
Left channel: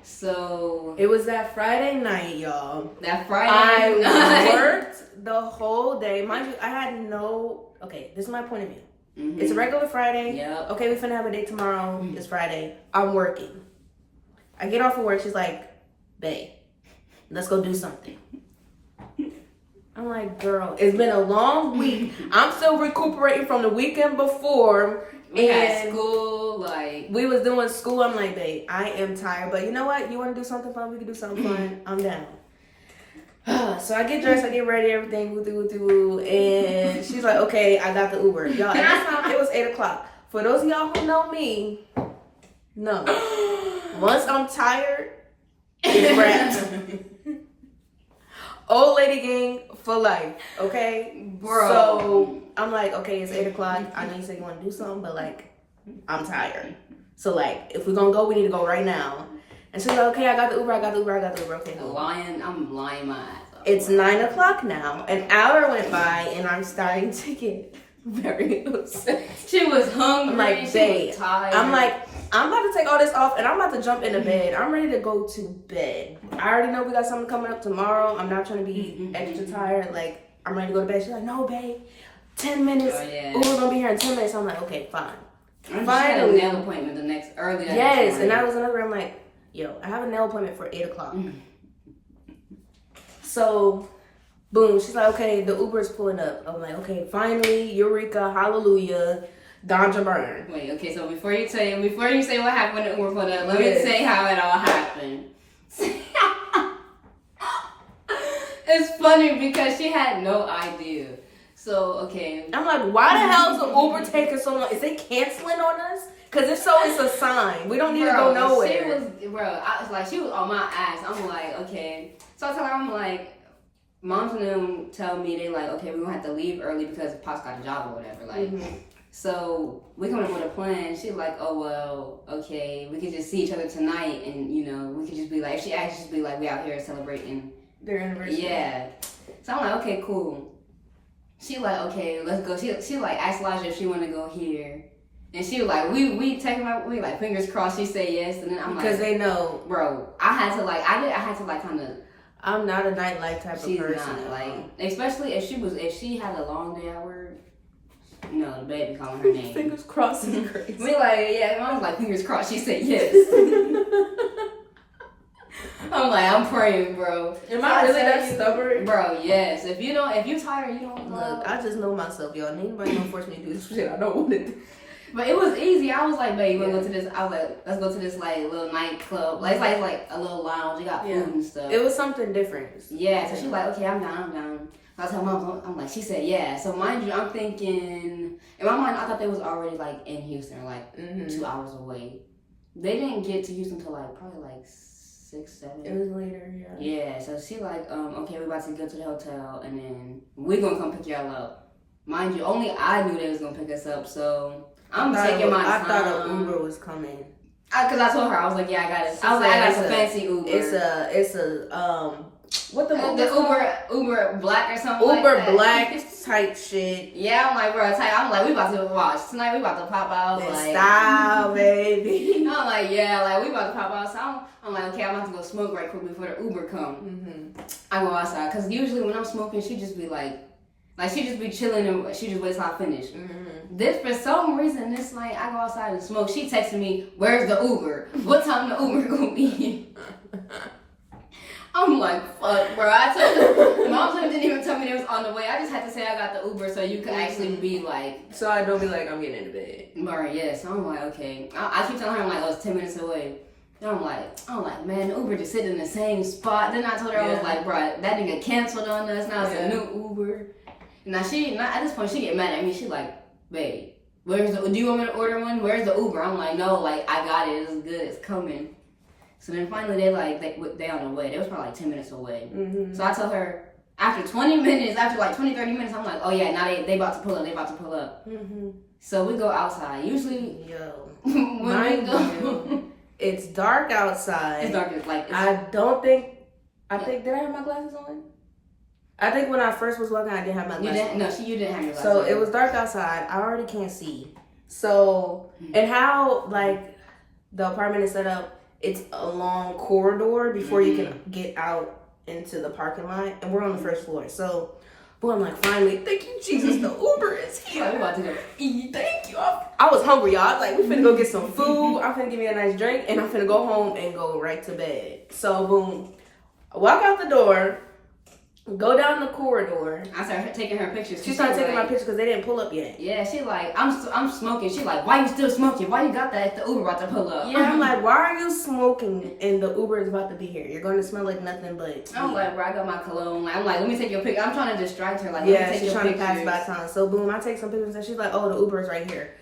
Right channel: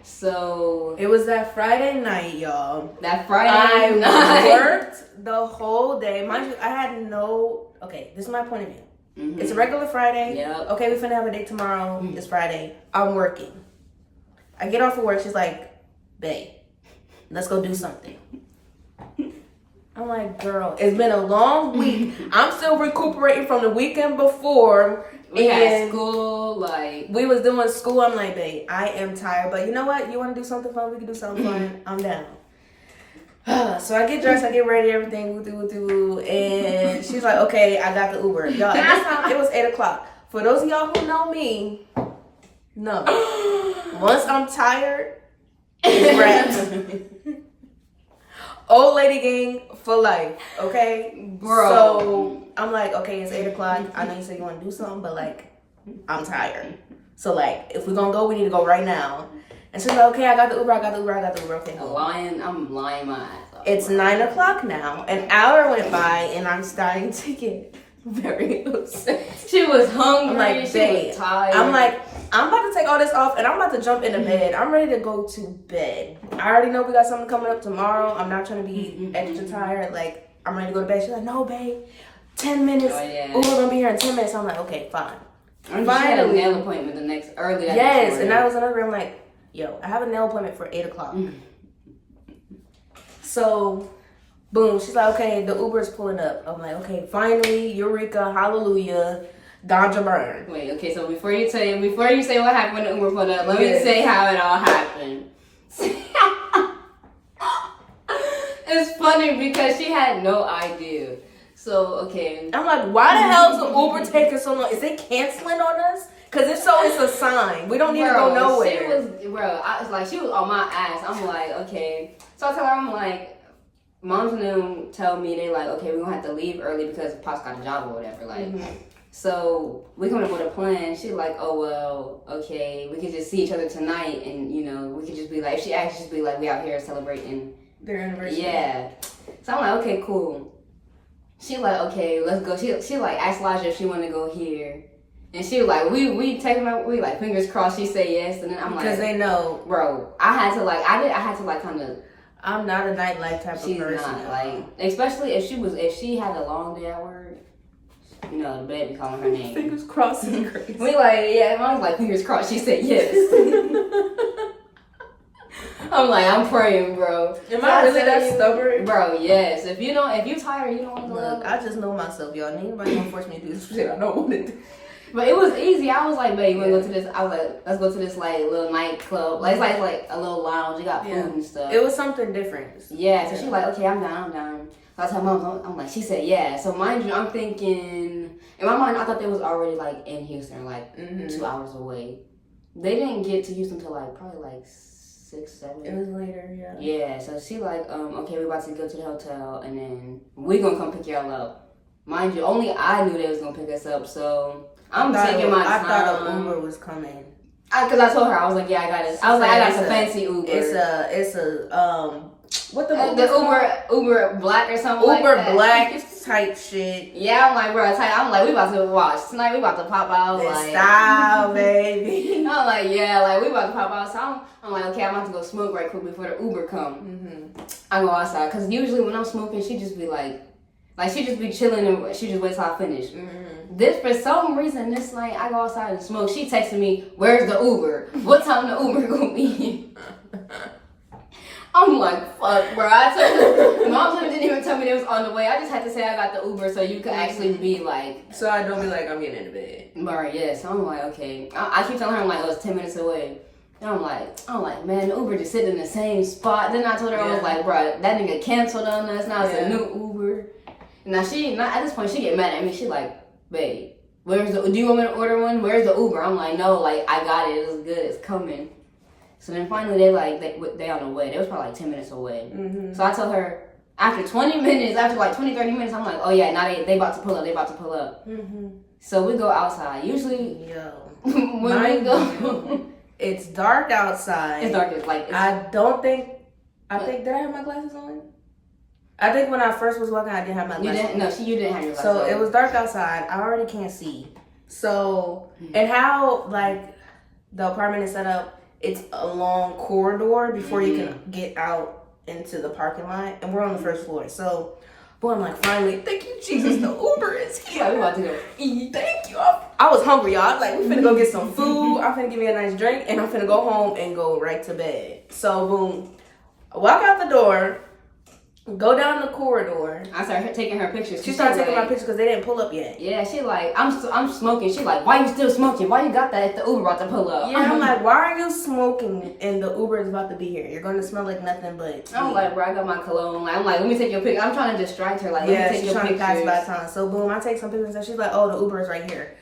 So it was that Friday night, y'all. That Friday I worked the whole day. Mind you, I had no. Okay, this is my point of view. Mm-hmm. It's a regular Friday. Yep. Okay, we finna have a date tomorrow. Mm-hmm. It's Friday. I'm working. I get off of work. She's like, babe, let's go do something. I'm like, girl, it's been a long week. I'm still recuperating from the weekend before. We had school, we was doing school. I'm like, babe, I am tired. But you know what? You want to do something fun? We can do something fun. I'm down. So I get dressed, I get ready, everything, woo. And she's like, okay, I got the Uber. Y'all, at this time, it was 8 o'clock. For those of y'all who know me, no. Once I'm tired, it's wrapped. Old lady gang for life, okay? Bro. So I'm like, okay, it's 8 o'clock. I know you said you want to do something, but like, I'm tired. So like, if we're gonna go, we need to go right now. And she's like, okay, I got the Uber. Okay, cool. I'm lying my ass off. It's 9 o'clock now. An hour went by, and I'm starting to get very upset. She was hungry. I'm like, babe. I'm like, I'm about to take all this off, and I'm about to jump into bed. I'm ready to go to bed. I already know we got something coming up tomorrow. I'm not trying to be extra tired. Like, I'm ready to go to bed. She's like, no, babe. 10 minutes. Uber gonna be here in 10 minutes. I'm like, okay, fine. Finally, nail appointment the next early. Yes, and that was another. I'm like, yo, I have a nail appointment for 8 o'clock. So, boom, she's like, okay, the Uber is pulling up. I'm like, okay, finally, Eureka, hallelujah, ganja burn. Wait, okay, so before you say what happened when the Uber pulled up, let me say how it all happened. It's funny because she had no idea. So, okay. I'm like, why the hell is the Uber taking so long? Is it canceling on us? Because if so, it's a sign. We don't need to go nowhere. She was on my ass. I'm like, okay. So I tell her, I'm like, moms and them tell me, they like, okay, we're going to have to leave early because Pop's got a job or whatever. Like, so we coming up with a plan. She's like, oh, well, okay, we can just see each other tonight. And, you know, we could just be like, if she actually just be like, we out here celebrating their anniversary. Yeah. So I'm like, okay, cool. She like, okay, let's go. She like asked Laja if she wanted to go here. And she was like, we like fingers crossed she said yes. And then I'm like, because they know, bro, I had to kind of. I'm not a nightlife type of person. She's not, like, especially if she had a long day at work, you know, the baby calling her name. Fingers crossed is crazy. We like, yeah, I was like, fingers crossed she said yes. I'm like, I'm praying, bro. Am I really that stubborn? Bro, yes. If you tired, you don't want to go out. I just know myself, y'all. Nobody gonna force me to do this shit I don't want to do. But it was easy. I was like, babe, go to this. I was like, let's go to this like little nightclub. Like it's like a little lounge. You got food and stuff. It was something different. Yeah. So she's like, okay, I'm down. So I told mom, I'm like, she said yeah. So mind you, I'm thinking in my mind, I thought they was already like in Houston, like 2 hours away. They didn't get to Houston till like probably like 6, 7. It was later, yeah. Yeah. So she like, okay, we're about to go to the hotel, and then we gonna come pick y'all up. Mind you, only I knew they was gonna pick us up, so. I'm taking my time. I thought an Uber was coming. Because I told her, I was like, yeah, I got it. I was like, I got some fancy Uber. It's a what the Uber Black or something Uber like that. Black type shit. Yeah, I'm like, bro, I'm like, we about to watch tonight. We about to pop out. Like, style, baby. I'm like, yeah, like we about to pop out. So I'm like, okay, I'm about to go smoke right quick before the Uber come. I go outside because usually when I'm smoking, she just be like she just be chilling and she just waits till I finish. This, for some reason, this night I go outside and smoke. She texted me, where's the Uber? What time the Uber gonna be? I'm like, fuck, bro. I told her, mom didn't even tell me they was on the way. I just had to say I got the Uber so you could actually be like. So I don't be like, I'm getting into bed. Bro, yeah. So I'm like, okay. I keep telling her, I'm like, oh, it's 10 minutes away. And I'm like, man, the Uber just sitting in the same spot. Then I told her, I was like, bro, that nigga canceled on us. Now it's a new Uber. Now at this point, she get mad at me. She like, babe, do you want me to order one? Where's the Uber? I'm like, no, like, I got it. It was good. It's coming. So then finally they on the way. They was probably like 10 minutes away. Mm-hmm. So I told her, after 20 minutes, after like 20, 30 minutes, I'm like, oh yeah, now they about to pull up. They about to pull up. Mm-hmm. So we go outside. Usually, when we go... It's dark outside. It's dark. Did I have my glasses on? I think when I first was walking, I didn't have my glasses on. You didn't have your glasses on. So on. it was dark outside. I already can't see. So, and how, like, the apartment is set up, it's a long corridor before you can get out into the parking lot. And we're on the first floor. So, boy, I'm like, finally, thank you, Jesus, the Uber is here. We're about to go eat. Thank you. I was hungry, y'all. I was like, we finna go get some food. I'm finna give me a nice drink, and I'm finna go home and go right to bed. So, boom. I walk out the door, go down the corridor. I started taking her pictures. She started taking my pictures because they didn't pull up yet. Yeah, she like, I'm smoking. She like, why you still smoking? Why you got that if the Uber about to pull up? Yeah, I'm like, why are you smoking and the Uber is about to be here? You're going to smell like nothing but... I'm like, bro, I got my cologne. I'm like, let me take your picture. I'm trying to distract her. Like, yeah, she's trying to pass by time. So, boom, I take some pictures and she's like, oh, the Uber is right here.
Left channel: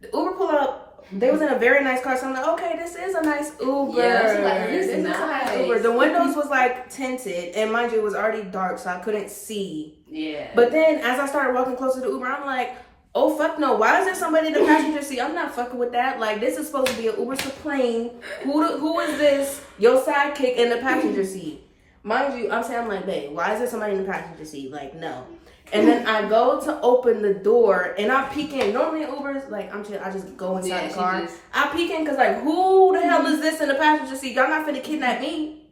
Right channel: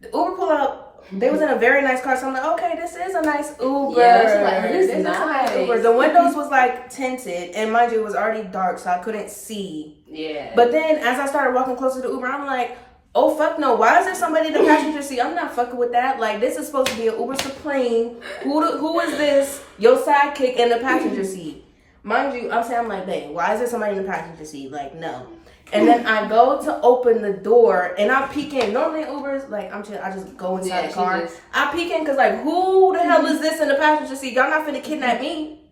The Uber pull up. They was in a very nice car, so I'm like, okay, this is a nice Uber. Yeah, like, this is nice Uber. The windows was like tinted, and mind you, it was already dark, so I couldn't see. Yeah. But then, as I started walking closer to the Uber, I'm like, oh fuck no! Why is there somebody in the passenger seat? I'm not fucking with that. Like, this is supposed to be an Uber Supreme. Who is this? Your sidekick in the passenger seat. Mind you, I'm like, babe, why is there somebody in the passenger seat? Like, no. And then I go to open the door and I peek in. Normally in Ubers, like, I'm chill, I just go inside the car. I peek in because, like, who the hell is this in the passenger seat? Y'all not finna kidnap me.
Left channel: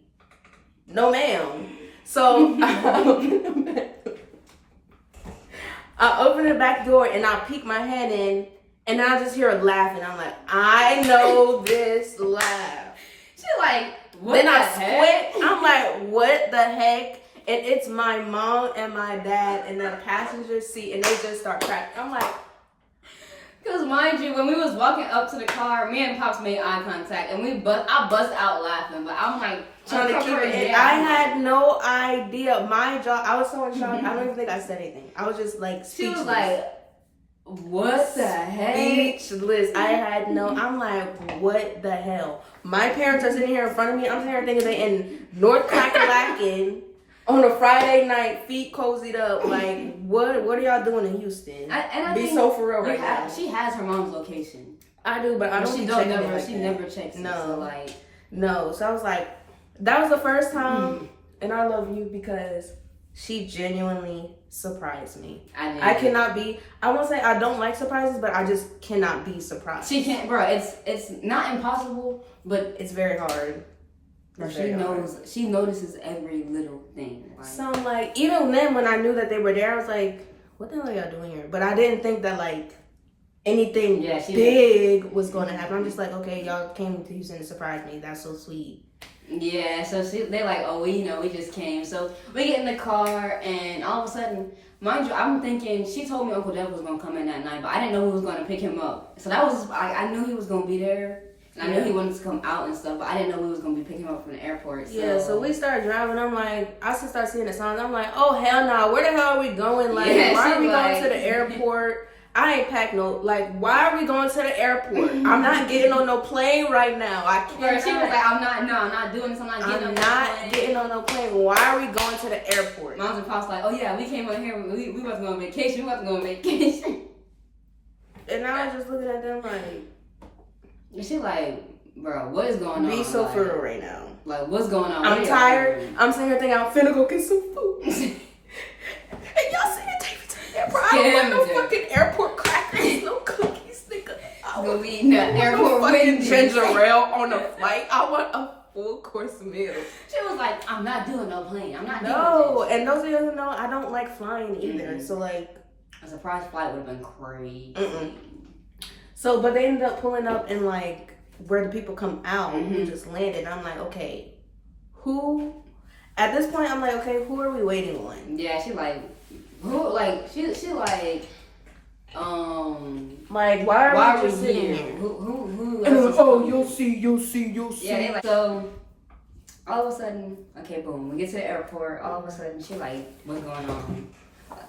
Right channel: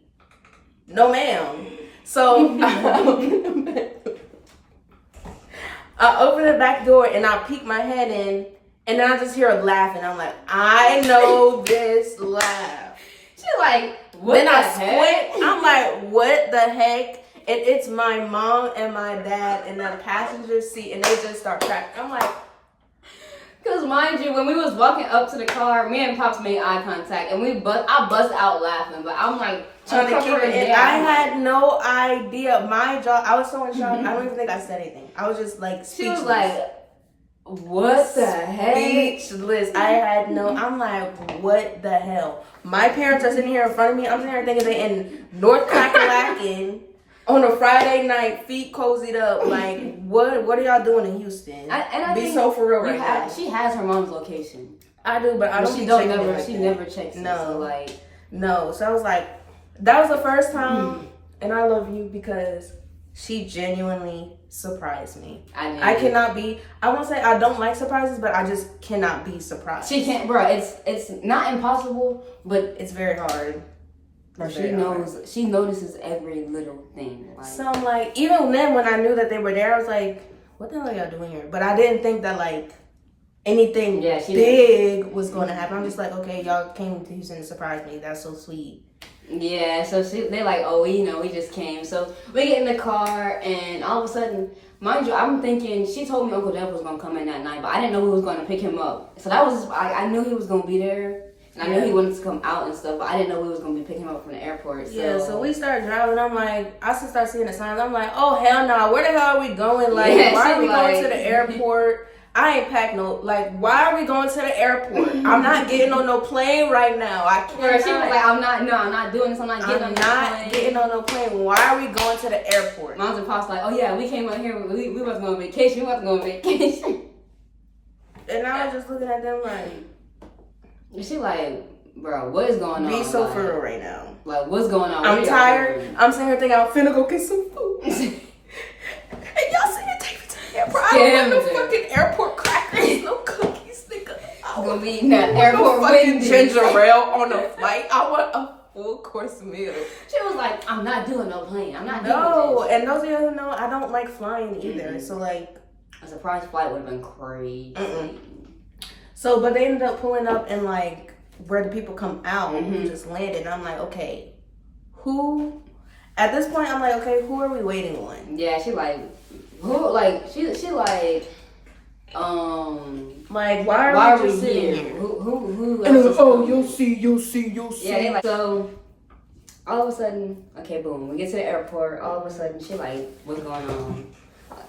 No, ma'am. So I open the back door and I peek my head in and then I just hear her laughing. I'm like, I know this laugh. She like, what then the I heck? squint. I'm like, what the heck? And it's my mom and my dad in the passenger seat, and they just start cracking. I'm like, because mind you, when we was walking up to the car, me and Pops made eye contact, and I bust out laughing, but I'm like trying to keep it in. I had no idea. My jaw, I was so in shock. I don't even think I said anything. I was just like speechless. She was like, what the heck? Speechless. I had no, I'm like, what the hell? My parents are sitting here in front of me. I'm sitting here thinking they in North Kakalaki. On a Friday night, feet cozied up, like, what are y'all doing in Houston? I Be so for real right now. She has her mom's location. I do, but I don't be checking it like that. She never checks no. it. So no. So I was like, that was the first time, and I love you because she genuinely surprised me. I cannot be, I won't say I don't like surprises, but I just cannot be surprised. She can't, bro, it's not impossible, but it's very hard. She notices every little thing. Like. So I'm like, even then when I knew that they were there, I was like, what the hell are y'all doing here? But I didn't think that like anything big was going to happen. I'm just like, okay, y'all came to Houston to surprise me. That's so sweet. Yeah, so they're like, oh, we just came. So we get in the car and all of a sudden, mind you, I'm thinking, she told me Uncle Jeff was going to come in that night, but I didn't know who was going to pick him up. So that was, I knew he was going to be there. And I knew he wanted to come out and stuff, but I didn't know we was going to be picking him up from the airport. So. Yeah, so we started driving. I'm like, I start seeing the signs. I'm like, oh, hell no. Where the hell are we going? Like, why are we going to the airport? I ain't packed no, like, why are we going to the airport? I'm not getting on no plane right now. I can't. She was like, I'm not doing this. I'm not getting on no plane. Why are we going to the airport? Moms and Pops like, oh yeah, we came out here. We wasn't going on vacation. We wasn't going on vacation. And I was just looking at them like. She like, bro, what is going on? Be so for real right now. Like, what's going on? I'm tired. I'm sitting here thinking I'm finna go get some food. And y'all sitting here taking me to the airport. I don't want no fucking airport crackers, no cookies, nigga. I want no fucking ginger ale on the flight. I want a full course meal. She was like, I'm not doing no plane. I'm not doing this. And those of you who know, I don't like flying either. So like, a surprise flight would have been crazy. So, but they ended up pulling up in like where the people come out who just landed. And I'm like, okay, who? At this point, I'm like, okay, who are we waiting on? Yeah, she like, who? Like, she like, Like, why are we just sitting here? Who And else is oh, coming? you'll see. Yeah, they like, so all of a sudden, okay, boom, we get to the airport. All of a sudden, she like, what's going on?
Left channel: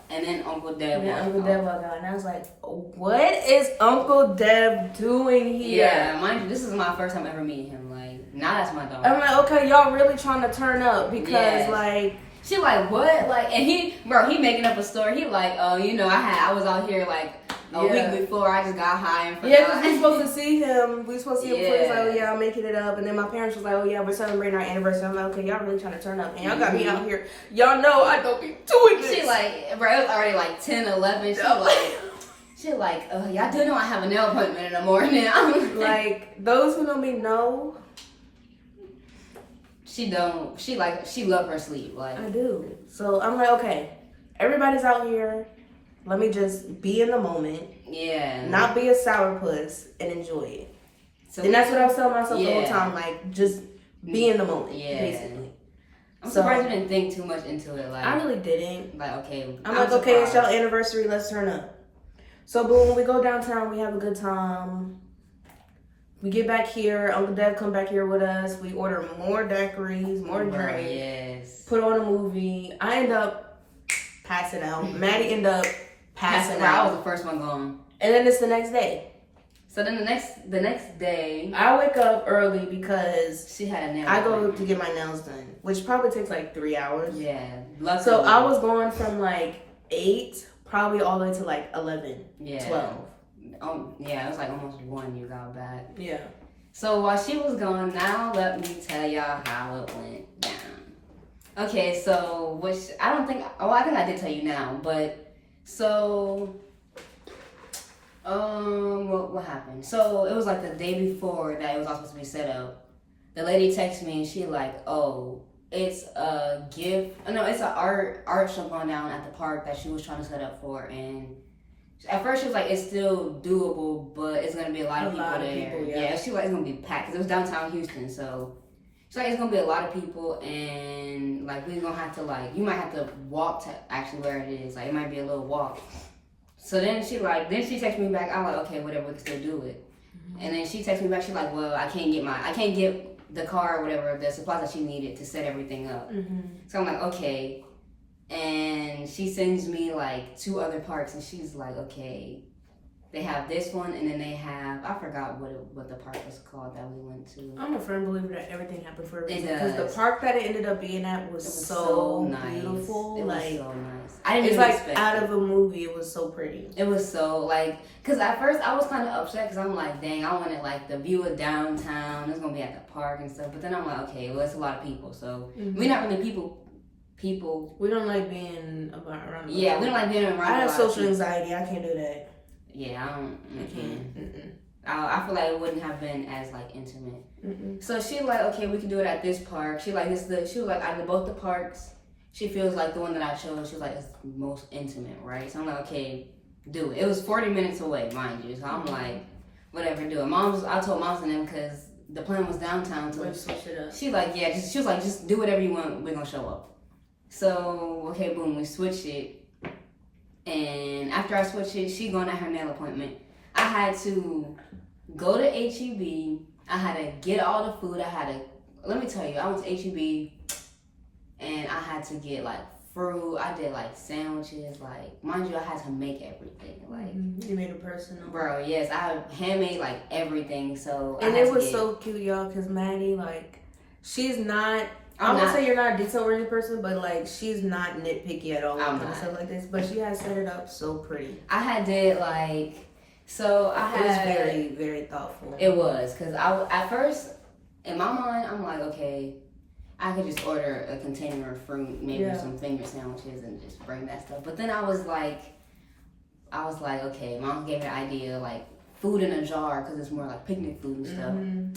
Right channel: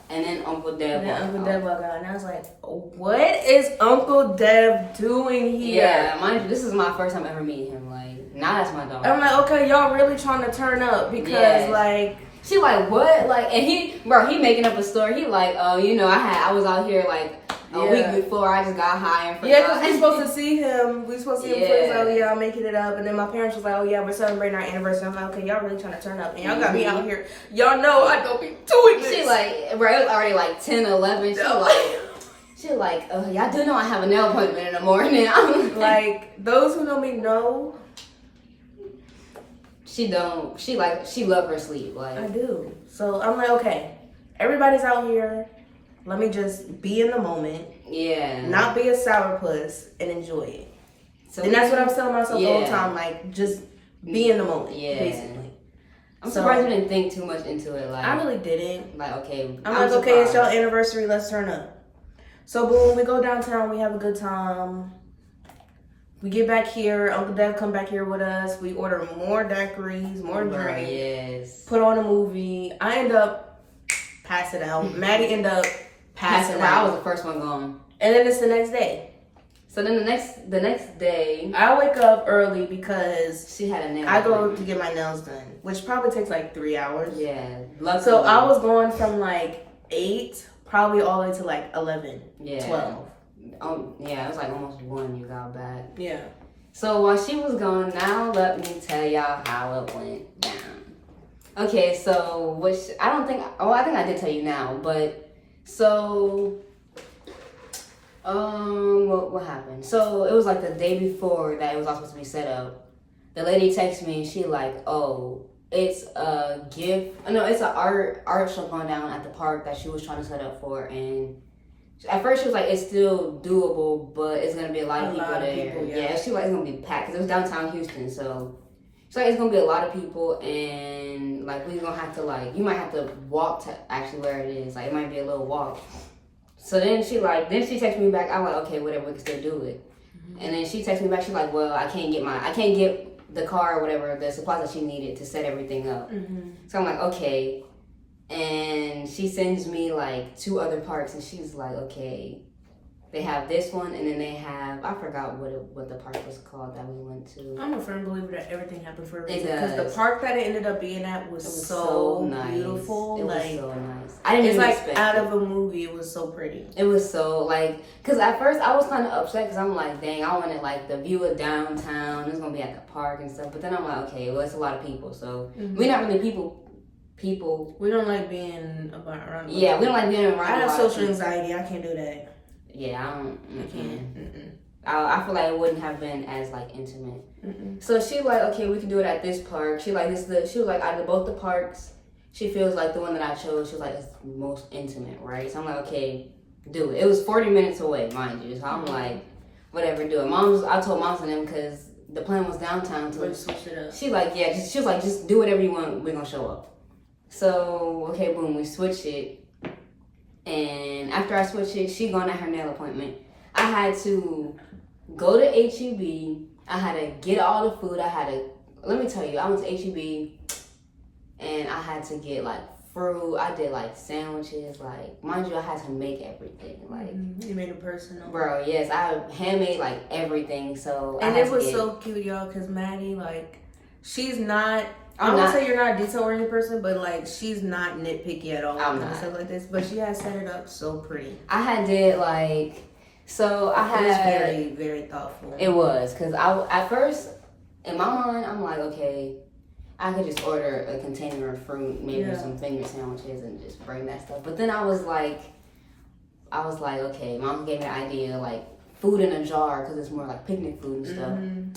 And then Uncle Dev. And then Uncle Dev walked out, and I was like, what is Uncle Dev doing here? Yeah, mind you, this is my first time ever meeting him. Like, now that's my dog. I'm like, okay, y'all really trying to turn up because like. She like, what? Like, and he making up a story. He like, you know, I was out here like a week before. I just got high and forgot. Yeah, because we supposed to see him. We supposed to see him before. He's like, oh yeah, I'm making it up. And then my parents was like, oh yeah, we're celebrating our anniversary. I'm like, okay, y'all really trying to turn up. And y'all got me out here. Y'all know I don't be doing this. She like, bro, it was already like 10, 11. She like, oh, y'all do know I have a nail appointment in the morning. I'm like, those who know me know. She don't. She love her sleep. Like I do. So I'm like, okay, everybody's out here. Let me just be in the moment. Yeah. Not be a sourpuss and enjoy it. So and that's what I was telling myself the whole time. Like, just be in the moment. Yeah. Basically. I'm surprised you didn't think too much into it. Like I really didn't. Like okay. I'm like, okay, it's y'all anniversary. Let's turn up. So boom, we go downtown. We have a good time. We get back here. Uncle Dev come back here with us. We order more daiquiris, more drinks. Yes. Put on a movie. I end up passing out. Maddie end up passing out. I was the first one gone. And then it's the next day. So then the next day, I wake up early because she had a nail. I go to get my nails done, which probably takes like 3 hours. Yeah. Luckily. So I was going from like 8, probably all the way to like 11, 12. Yeah, it was like almost 1 you got back. Yeah. So while she was gone, now let me tell y'all how it went down. Okay, so I think I did tell you now, but so what happened? So it was like the day before that it was all supposed to be set up. The lady texted me and she like, oh, it's a gift. No, it's an art show going down at the park that she was trying to set up for, and at first she was like, it's still doable, but it's gonna be a lot of people there. Yeah, she like it's gonna be packed because it was downtown Houston, so she's like it's gonna be a lot of people, and like we're gonna have to like you might have to walk to actually where it is. Like it might be a little walk. So then she texted me back. I'm like, okay, whatever, we can still do it. Mm-hmm. And then she texted me back. She's like, well, I can't get the car or whatever, the supplies that she needed to set everything up. Mm-hmm. So I'm like, okay. And she sends me like 2 other parks, and she's like, okay, they have this one, and then they have, I forgot what the park was called that we went to. I'm a firm believer that everything happened for a reason. Because the park that it ended up being at was so nice. Beautiful. It was so nice. I didn't even expect it. Out of a movie. It was so pretty. It was so like, because at first I was kind of upset because I'm like, dang, I wanted like the view of downtown. It's going to be at the park and stuff. But then I'm like, okay, well, it's a lot of people. So we're not really people. We don't like being around. Yeah, we don't like being around. I have social anxiety. I can't do that. Yeah, I can't. I feel like it wouldn't have been as like intimate. Mm-mm. So she like, okay, we can do it at this park. She like she was like, out of both the parks, she feels like the one that I chose. She was like, it's most intimate, right? So I'm like, okay, do it. It was 40 minutes away, mind you. So I'm like, whatever, do it. I told Moms and them because the plan was downtown. So switch it up. She like, yeah, she was like, just do whatever you want. We're gonna show up. So, okay, boom, we switched it. And after I switched it, she going at her nail appointment. I had to go to HEB. I had to get all the food. Let me tell you, I went to HEB and I had to get like fruit. I did like sandwiches. Like, mind you, I had to make everything. Like, you made it personal. Bro, yes, I handmade like everything. So, and it was so cute, y'all, because Maddy, like, she's not. I'm gonna say you're not a detail-oriented person, but like she's not nitpicky at all when it comes to stuff like this. But she has set it up so pretty. I did like, so I had. It was very, very thoughtful. It was because at first in my mind I'm like, okay, I could just order a container of fruit, maybe some finger sandwiches, and just bring that stuff. But then I was like, okay, Mom gave me the idea like food in a jar because it's more like picnic food and stuff. Mm-hmm.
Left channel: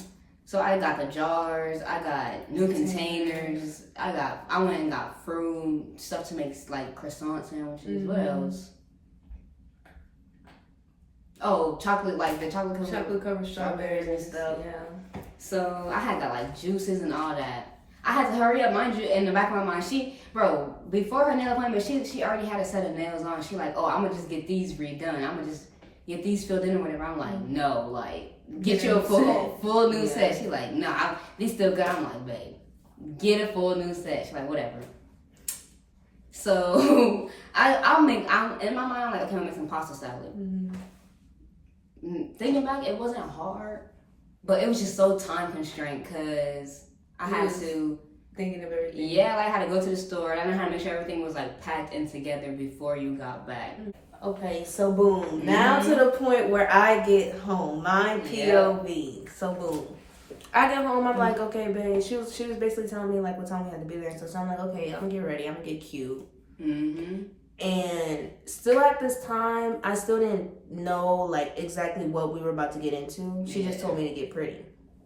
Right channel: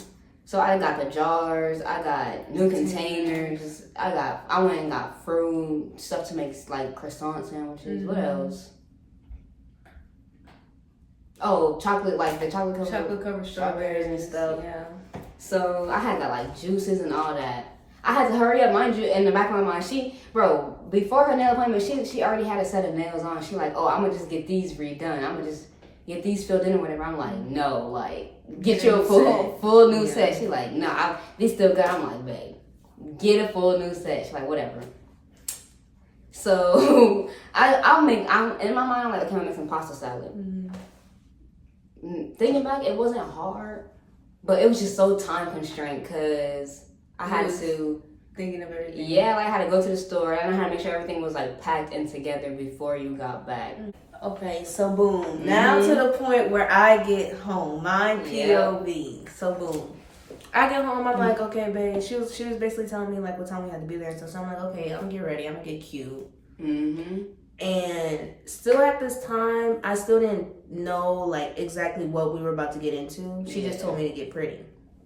So I got the jars, I got new containers, I went and got fruit, stuff to make like croissant sandwiches. Mm-hmm. What else? Oh, chocolate, like the chocolate covered strawberries and stuff. Yeah. So I had got like juices and all that. I had to hurry up, mind you. In the back of my mind, before her nail appointment, she already had a set of nails on. She like, oh, I'm gonna just get these redone. I'm gonna just get these filled in or whatever. I'm like, no, like get you a full new set. She like, nah, these still good. I'm like, babe, get a full new set. She's like, whatever. So I'm in my mind, I'm like, okay, I'm gonna make some pasta salad. Thinking back, it wasn't hard, but it was just so time constrained because I had to thinking of everything. Yeah, like I had to go to the store. I had to make sure everything was like packed and together before you got back. Okay, so boom. Now to the point where I get home. Mine POV. So boom. I get home, I'm like, okay, babe. She was basically telling me like what time we had to be there. So I'm like, okay, I'm gonna get ready. I'm gonna get cute. And still at this time, I still didn't know like exactly what we were about to get into. She just told me to get pretty.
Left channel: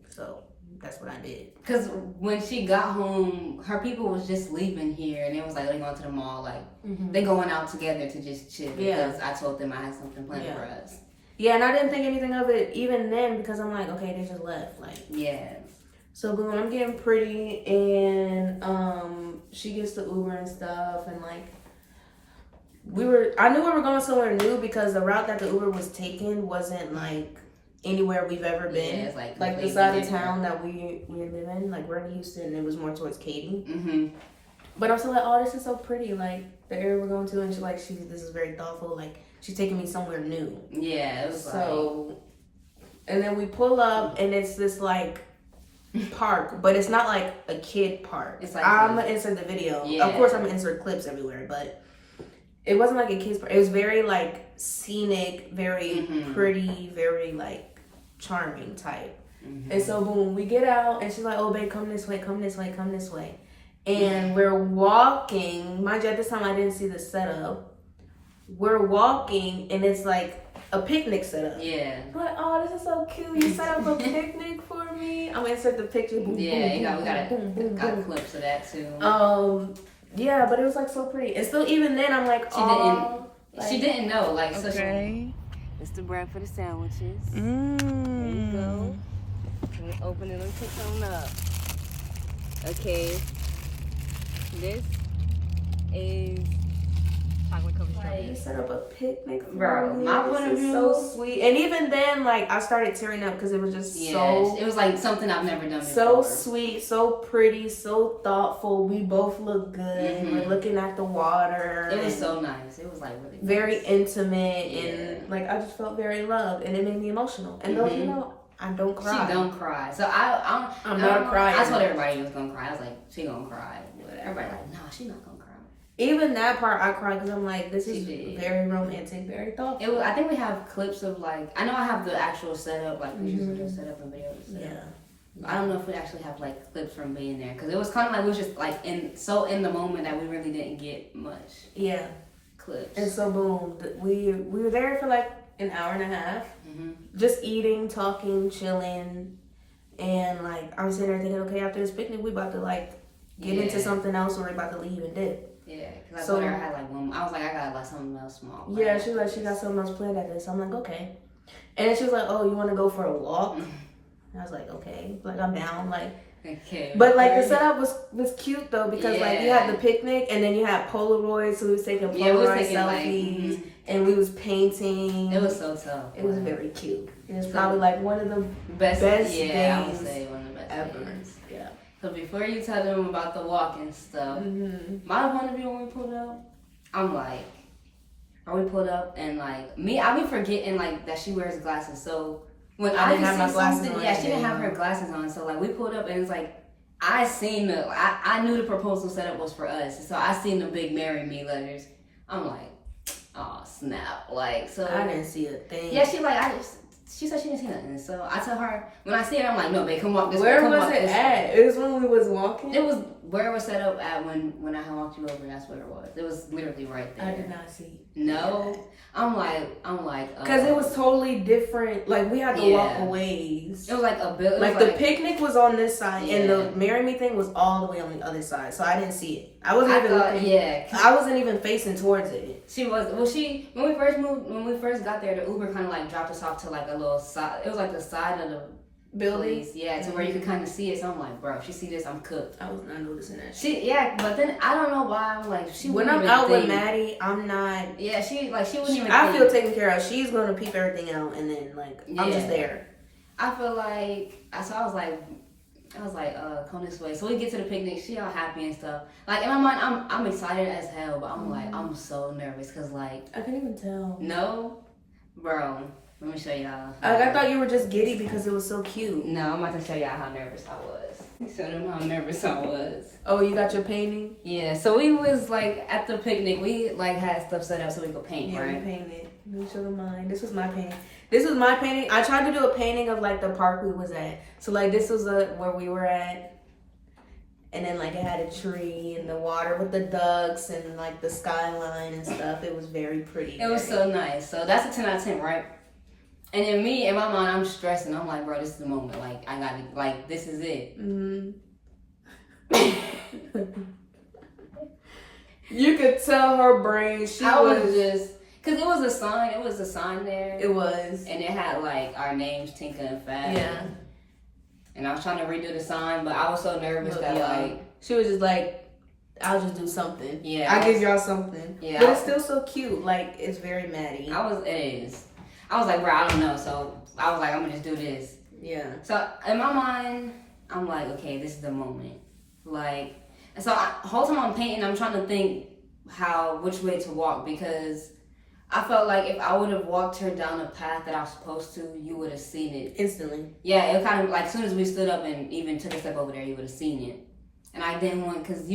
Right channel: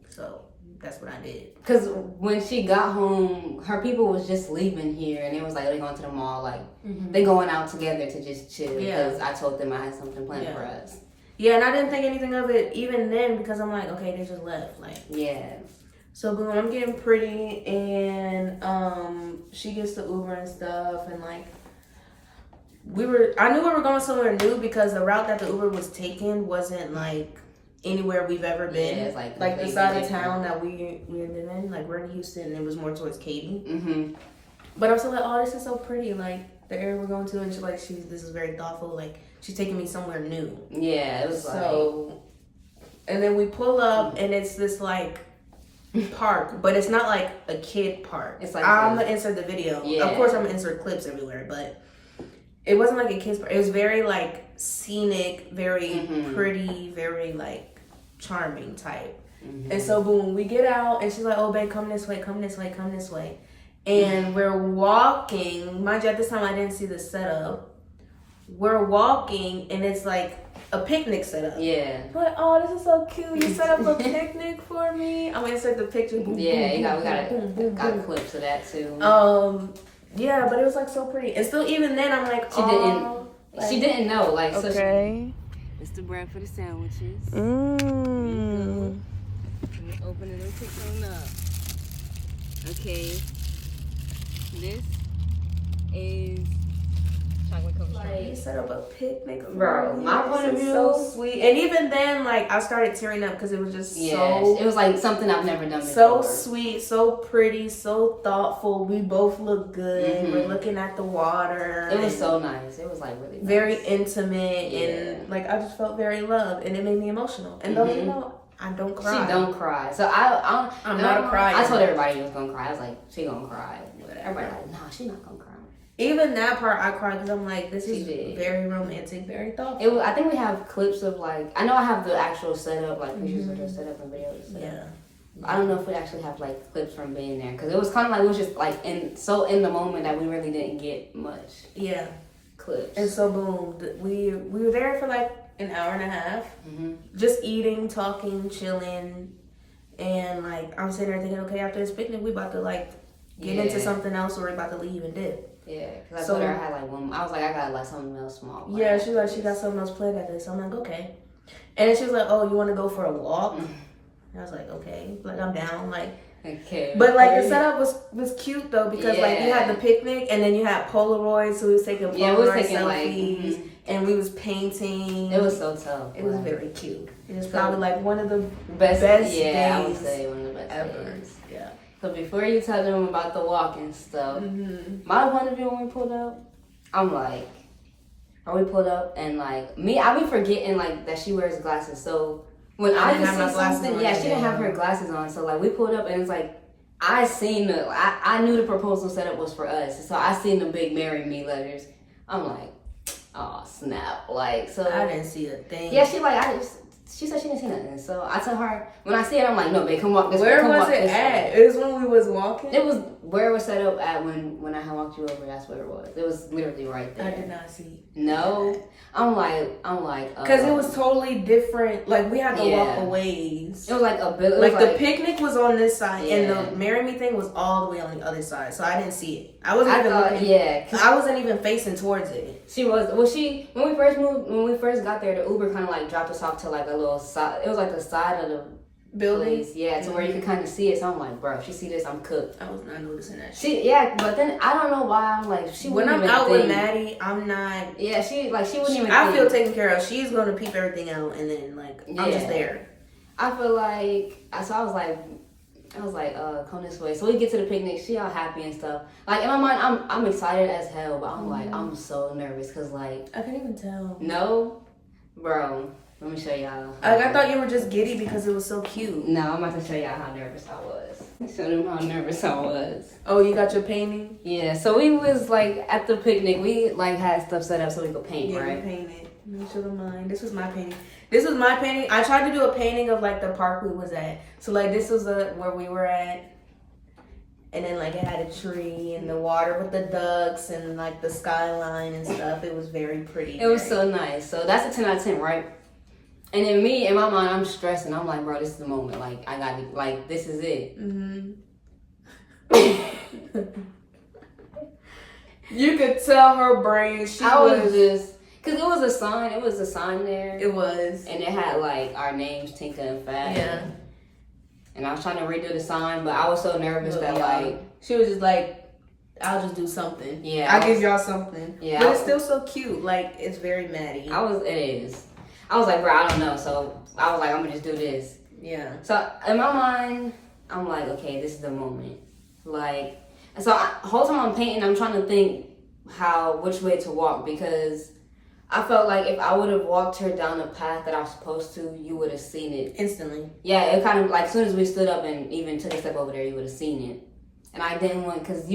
So that's what I did. Because when she got home, her people was just leaving here, and it was like they going to the mall, like they going out together to just chill. Yeah. Because I told them I had something planned for us. Yeah, and I didn't think anything of it even then because I'm like, okay, they just left. Like, yeah. So boom, I'm getting pretty, and she gets the Uber and stuff, and like I knew we were going somewhere new because the route that the Uber was taking wasn't like anywhere we've ever been. Yeah, it's like the side of town that we live in. Like we're in Houston, and it was more towards Katy. But I'm still like, oh, this is so pretty. Like the area we're going to, and she's like, this is very thoughtful. Like she's taking me somewhere new. Yeah, it was so. And then we pull up, and it's this like park, but it's not like a kid park. It's like I'm gonna insert the video. Yeah. Of course, I'm gonna insert clips everywhere, but it wasn't like a kid's park. It was very like scenic, very pretty, very like charming type. And so boom, we get out, and she's like, "Oh, babe, come this way, come this way, come this way." And we're walking. Mind you, at this time I didn't see the setup. We're walking, and it's like a picnic setup. Yeah. I'm like, oh, this is so cute. You set up a picnic for me. I'm gonna insert the picture. Boom, yeah, we got clips of that too. Yeah, but it was like so pretty. And still, even then, I'm like, she didn't know. Like, okay. So it's the bread for the sandwiches. There you go. Let me open it. Let me pick something up. Okay. This is chocolate covered strawberries. You set up a picnic for bro. me. My point of view, so sweet. And even then, like I started tearing up because it was just so. It was like something I've never done before. So sweet, so pretty, so thoughtful. We both look good. We're looking at the water. It was so nice. It was like really nice. Very intimate, and like I just felt very loved, and it made me emotional. And don't you know, I don't cry. She don't cry. So I'm not a crier. I told everybody she was gonna cry. I was like, she gonna cry. Whatever. Everybody like, no, she's not gonna cry. Even that part, I cried because I'm like, this is very romantic, very thoughtful. I think we have clips of like, I know I have the actual setup, like pictures of the setup and videos. Yeah. I don't know if we actually have like clips from being there because it was kind of like we was just like in the moment that we really didn't get much. Yeah. Clips. And so boom, we were there for like an hour and a half, just eating, talking, chilling, and like I'm sitting there thinking, okay, after this picnic, we about to like get into something else, or we about to leave and dip. Yeah, because I told her I had like one. I was like, I got like something else small. Yeah, she was like, she got something else planned at this. So I'm like, okay. And then she was like, oh, you want to go for a walk? And I was like, okay. Like I'm down. Like, okay. But like the setup was cute though because like you had the picnic and then you had Polaroids, so we was taking Polaroid selfies and we was painting. It was so tough. It was very cute. It was probably like one of the best days I would say one of the best ever. Days. Yeah. So before you tell them about the walking stuff, my point of view when we pulled up, I'm like, are we pulled up and like me, I be forgetting like that she wears glasses. So when I didn't have my glasses on, she didn't have her glasses on. So like we pulled up and it's like I knew the proposal setup was for us. So I seen the big "Marry Me" letters. I'm like, oh snap! Like so I didn't see a thing. Yeah, she said she didn't see nothing. So I tell her, when I see her, I'm like, no, babe, come walk this way. Where was it at? It was when we was walking? It was where it was set up at when I had walked you over. That's where it was. It was literally right there. I did not see. No. I'm like. Because it was totally different. Like, we had to walk a ways. It was like a building. Like, the picnic was on this side, and the "Marry Me" thing was all the way on the other side. So I didn't see it. I wasn't even looking. Yeah. I wasn't even facing towards it. She was. Well, when we first got there, the Uber kind of like dropped us off to like a little side. It was like the side of building. place. Yeah, to where you can kind of see it. So I'm like, bro, if she see this, I'm cooked. I was not noticing that. But then I don't know why I'm like, when I'm out with Maddie, I'm not. Yeah, she wouldn't even. I feel taken care of. She's gonna peep everything out, and then like I'm just there. I feel like I was like, come this way. So we get to the picnic. She all happy and stuff. Like in my mind, I'm excited as hell, but I'm like, I'm so nervous because like I can't even tell. No, bro. Let me show y'all. Like I thought you were just giddy because it was so cute. No, I'm about to show y'all how nervous I was. Show them how nervous I was. Oh, you got your painting? Yeah. So we was like at the picnic. We like had stuff set up so we could paint. Right? We painted. Let me show them mine. This was my painting. I tried to do a painting of like the park we was at. So like this was where we were at. And then like it had a tree and the water with the ducks and like the skyline and stuff. It was very pretty. It was so nice. So that's a 10 out of 10, right? And then me, in my mind, I'm stressing. I'm like, bro, this is the moment. Like, I got it. Like, this is it. Mm-hmm. You could tell her brain. I was just, because it was a sign. It was a sign there. It was. And it had, like, our names, Tinka and Fat. Yeah. And I was trying to redo the sign, but I was so nervous that, like... She was just like, I'll just do something. Yeah. I'll give y'all something. Yeah. But it's still so cute. Like, it's very Maddy. It is. I was like, bro, I don't know. So I was like, I'm gonna just do this. Yeah. So in my mind, I'm like, okay, this is the moment. Like, and so whole time I'm painting, I'm trying to think which way to walk, because I felt like if I would have walked her down the path that I was supposed to, you would have seen it instantly. Yeah, it kind of like as soon as we stood up and even took a step over there, you would have seen it. And I didn't want, because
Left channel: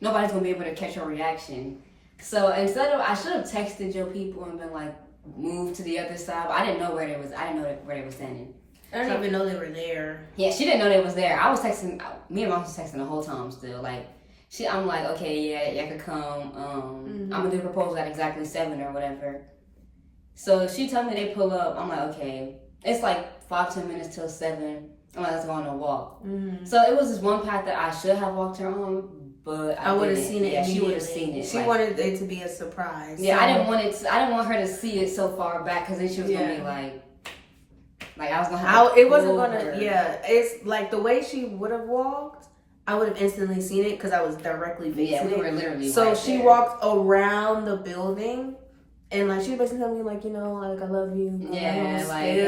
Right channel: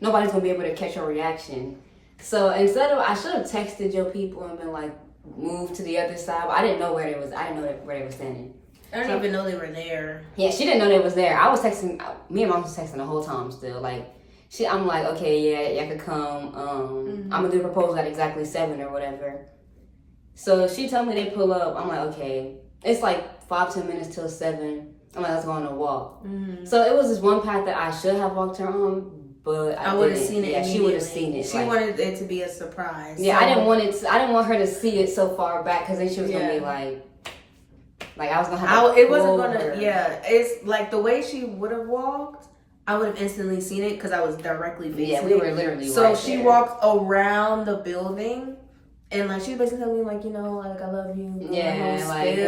nobody's gonna be able to catch your reaction. So instead of, I should have texted your people and been like, move to the other side, but I didn't know where they was. I didn't know where they were standing. I didn't even know they were there. Yeah, she didn't know they was there. I was texting. Me and Mom was texting the whole time still. Like I'm like, okay, yeah, y'all could come. I'm gonna do the proposal at exactly 7 or whatever. So she told me they pull up. I'm like, okay. It's like 5-10 minutes till 7. I'm like, let's go on a walk. Mm-hmm. So it was this one path that I should have walked her on. But I would have seen it. Yeah, she would have seen it. She wanted it to be a surprise. Yeah, so. I didn't want her to see it so far back, because then she was gonna be like I was gonna have. It wasn't gonna. Yeah, it's like the way she would have walked. I would have instantly seen it because I was directly facing it. Yeah, we were literally. So she walked around the building. And like she was basically telling me like, like I love you. Yeah, like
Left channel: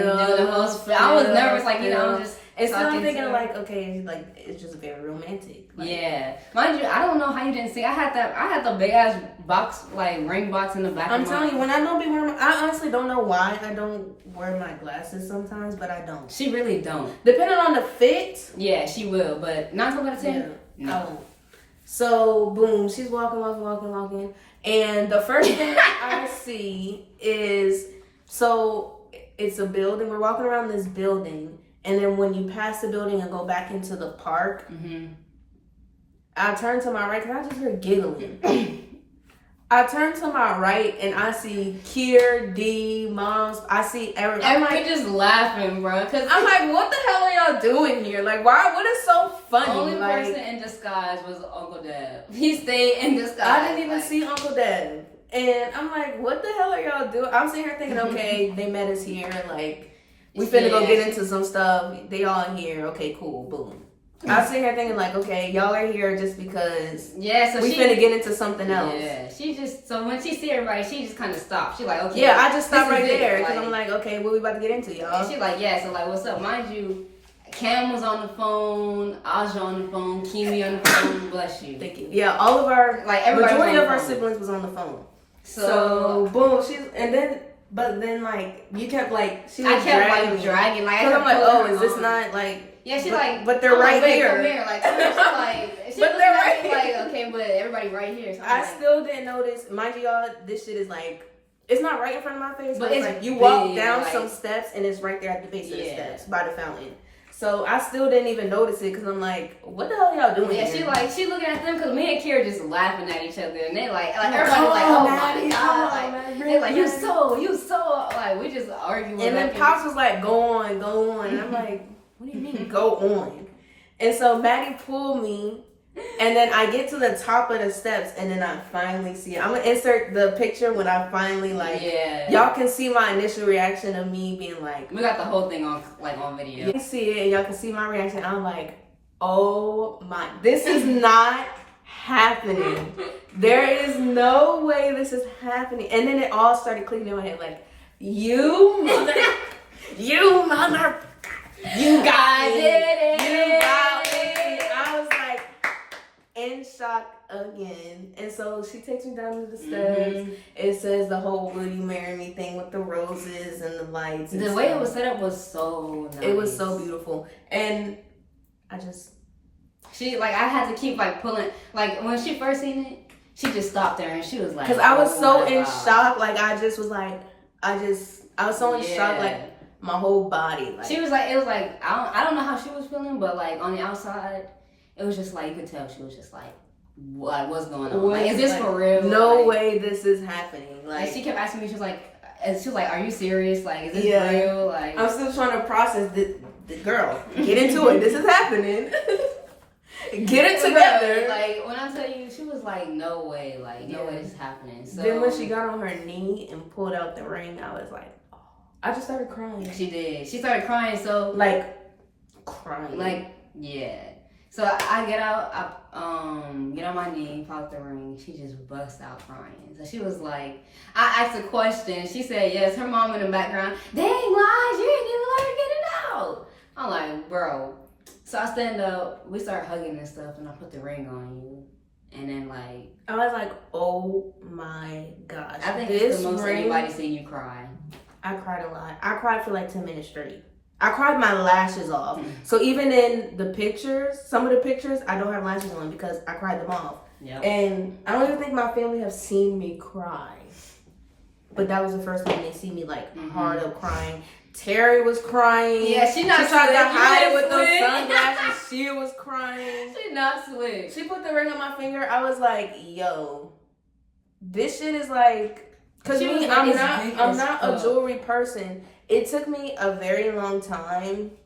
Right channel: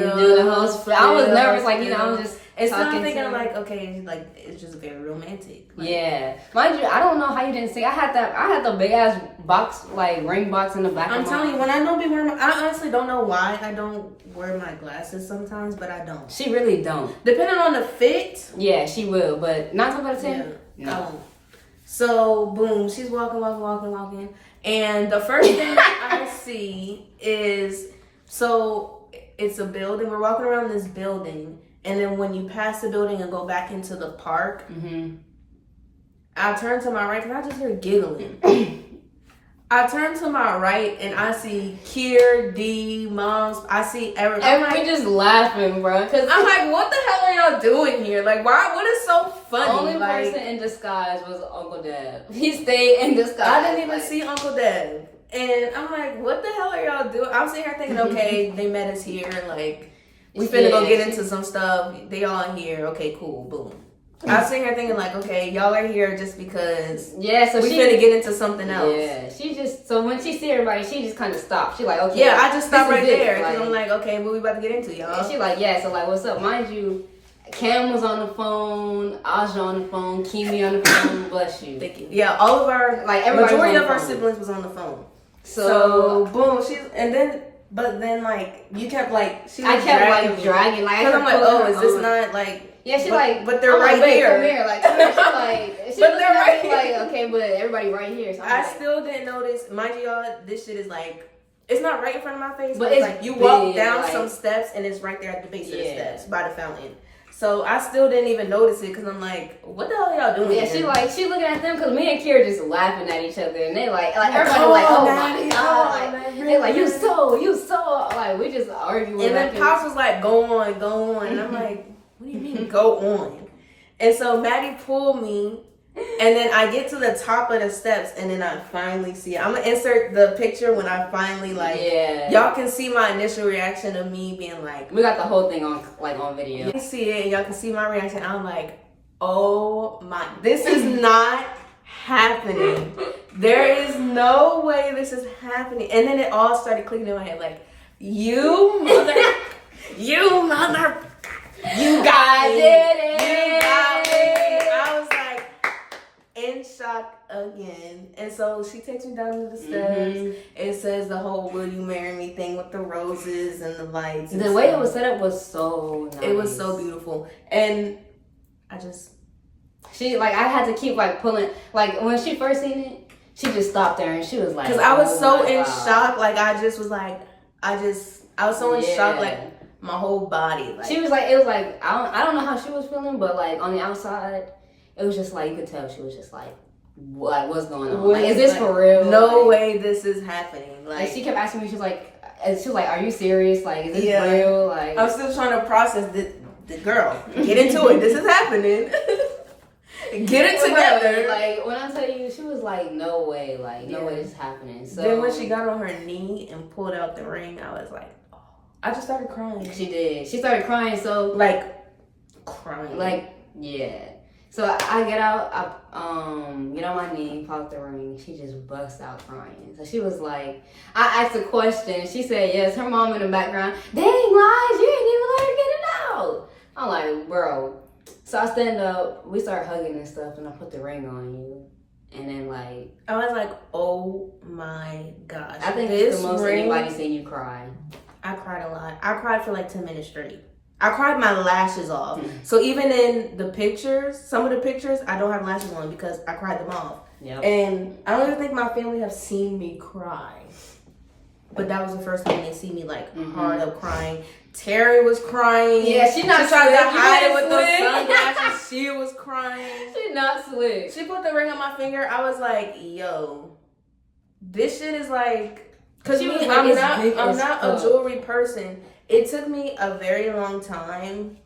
I was nervous, like I'm just. And so I'm thinking like, okay, like it's just very romantic. Like, yeah, mind you, I don't know how you didn't see. I had the big ass box, like ring box in the back. I'm telling you, when I don't be wearing, I honestly don't know why I don't wear my glasses sometimes, but I don't. She really don't. Depending on the fit. Yeah, she will, but 9 times out of 10, yeah, no. I won't. So boom, she's walking. And the first thing I see is, so it's a building. We're walking around this building. And then when you pass the building and go back into the park, I turn to my right because I just hear giggling. I turn to my right and I see Kier, D, Moms. I see everybody. We're just laughing, bro. I'm like, what the hell are y'all doing here? Like, why? What is so funny? Only person in disguise was Uncle Deb. He stayed in disguise. I didn't even see Uncle Deb. And I'm like, what the hell are y'all doing? I'm sitting here thinking, okay, they met us here. Like, we finna go get into some stuff. They all here. Okay, cool. Boom. I was sitting here thinking like, okay, y'all are here just because so we finna get into something else. Yeah, so when she see everybody, she just kind of stopped. She like, okay. Yeah, I just stopped right there because I'm like, okay, what we about to get into, y'all? And she like, yeah, so like, what's up? Mind you, Cam was on the phone, Aja on the phone, Kimi on the phone, bless you. Thank you. Yeah, all of our, majority of our siblings was on the phone. So boom, but then like you kept like she was dragging like because I'm like, oh, is this not like but they're right here. Come here. Like but they're right here. Like okay, but everybody right here. So I still didn't notice. Mind you, y'all, this shit is like it's not right in front of my face, but it's like you walk down some steps and it's right there at the base of the steps by the fountain. So I still didn't even notice it because I'm like, what the hell are y'all doing? Yeah, here? she looking at them because me and Kira just laughing at each other and they like everybody like, oh my god, like they like you so like we just arguing. And then Pops was like, go on, and I'm like, what do you mean go on? And so Maddy pulled me And then I get to the top of the steps, and then I finally see it. I'm gonna insert the picture when I finally y'all can see my initial reaction of me being like, we got the whole thing on video. You can see it, and y'all can see my reaction. I'm like, oh my, this is not happening. There is no way this is happening. And then it all started clicking in my head, like, you mother, you got me. You got me. I was like in shock again. And so she takes me down to the steps. It says the whole "Will you marry me" thing with the roses and the lights. And the way it was set up was so nice. It was so beautiful. And I had to keep pulling, when she first seen it, she just stopped there and she was like, because I was so in shock. I was so in shock, my whole body. She was like, it was like, I don't know how she was feeling, but on the outside, it was just you could tell she was just like, what's going on? Is this for real? No way this is happening. She kept asking me, she was like, are you serious? Is this real? I'm still trying to process the girl. Get into it. This is happening. Get it together. When I tell you, she was like, no way, no way this is happening. So then when she got on her knee and pulled out the ring, I was like, oh. I just started crying. She did. She started crying. So crying. Yeah. So I get out, get on my knee, pop the ring. She just busts out crying. So she was like, I asked a question. She said yes. Her mom in the background, dang, Lies, you didn't even let her get it out. I'm like, bro. So I stand up, we start hugging and stuff, and I put the ring on you. And then I was like, oh my gosh. I think this the most anybody's seen you cry. I cried a lot. I cried for 10 minutes straight. I cried my lashes off. So even in the pictures, some of the pictures, I don't have lashes on because I cried them off. Yep. And I don't even think my family have seen me cry. But that was the first time they see me hard up crying. Terry was crying. Yeah, she tried to hide it with those sunglasses. She was crying. She not slick. She put the ring on my finger. I was like, yo, this shit is because I'm not a jewelry person. It took me a very long time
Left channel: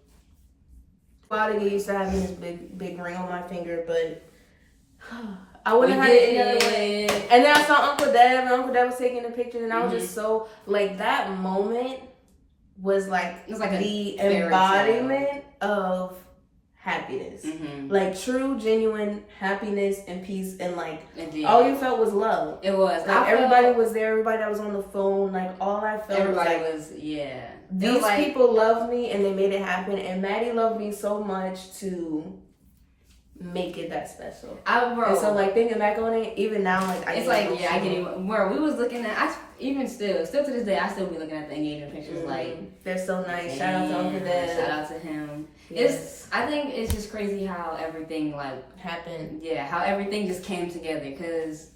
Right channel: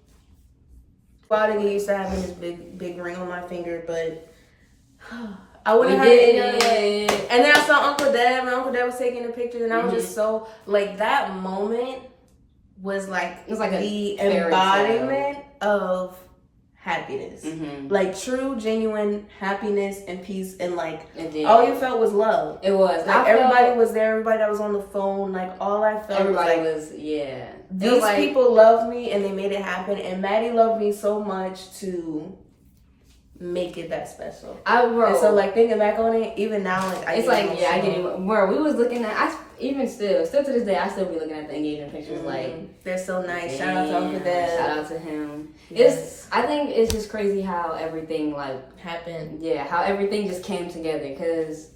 to get used to having this big ring on my finger, but I wouldn't have had it any other way. And then I saw Uncle Deb, and Uncle Deb was taking the pictures, and I was just so that moment was it was the embodiment of happiness, true, genuine happiness and peace, and all you felt was love. It was everybody was there, everybody that was on the phone, all I felt everybody was yeah. These people loved me and they made it happen, and Maddy loved me so much to make it that special. And so thinking back on it, even now I get it. Bro, we was looking at still to this day I still be looking at the engagement pictures they're so nice. Shout out to Uncle Dad. Shout out to him. Yes. I think it's just crazy how everything happened. Yeah, how everything just came together, because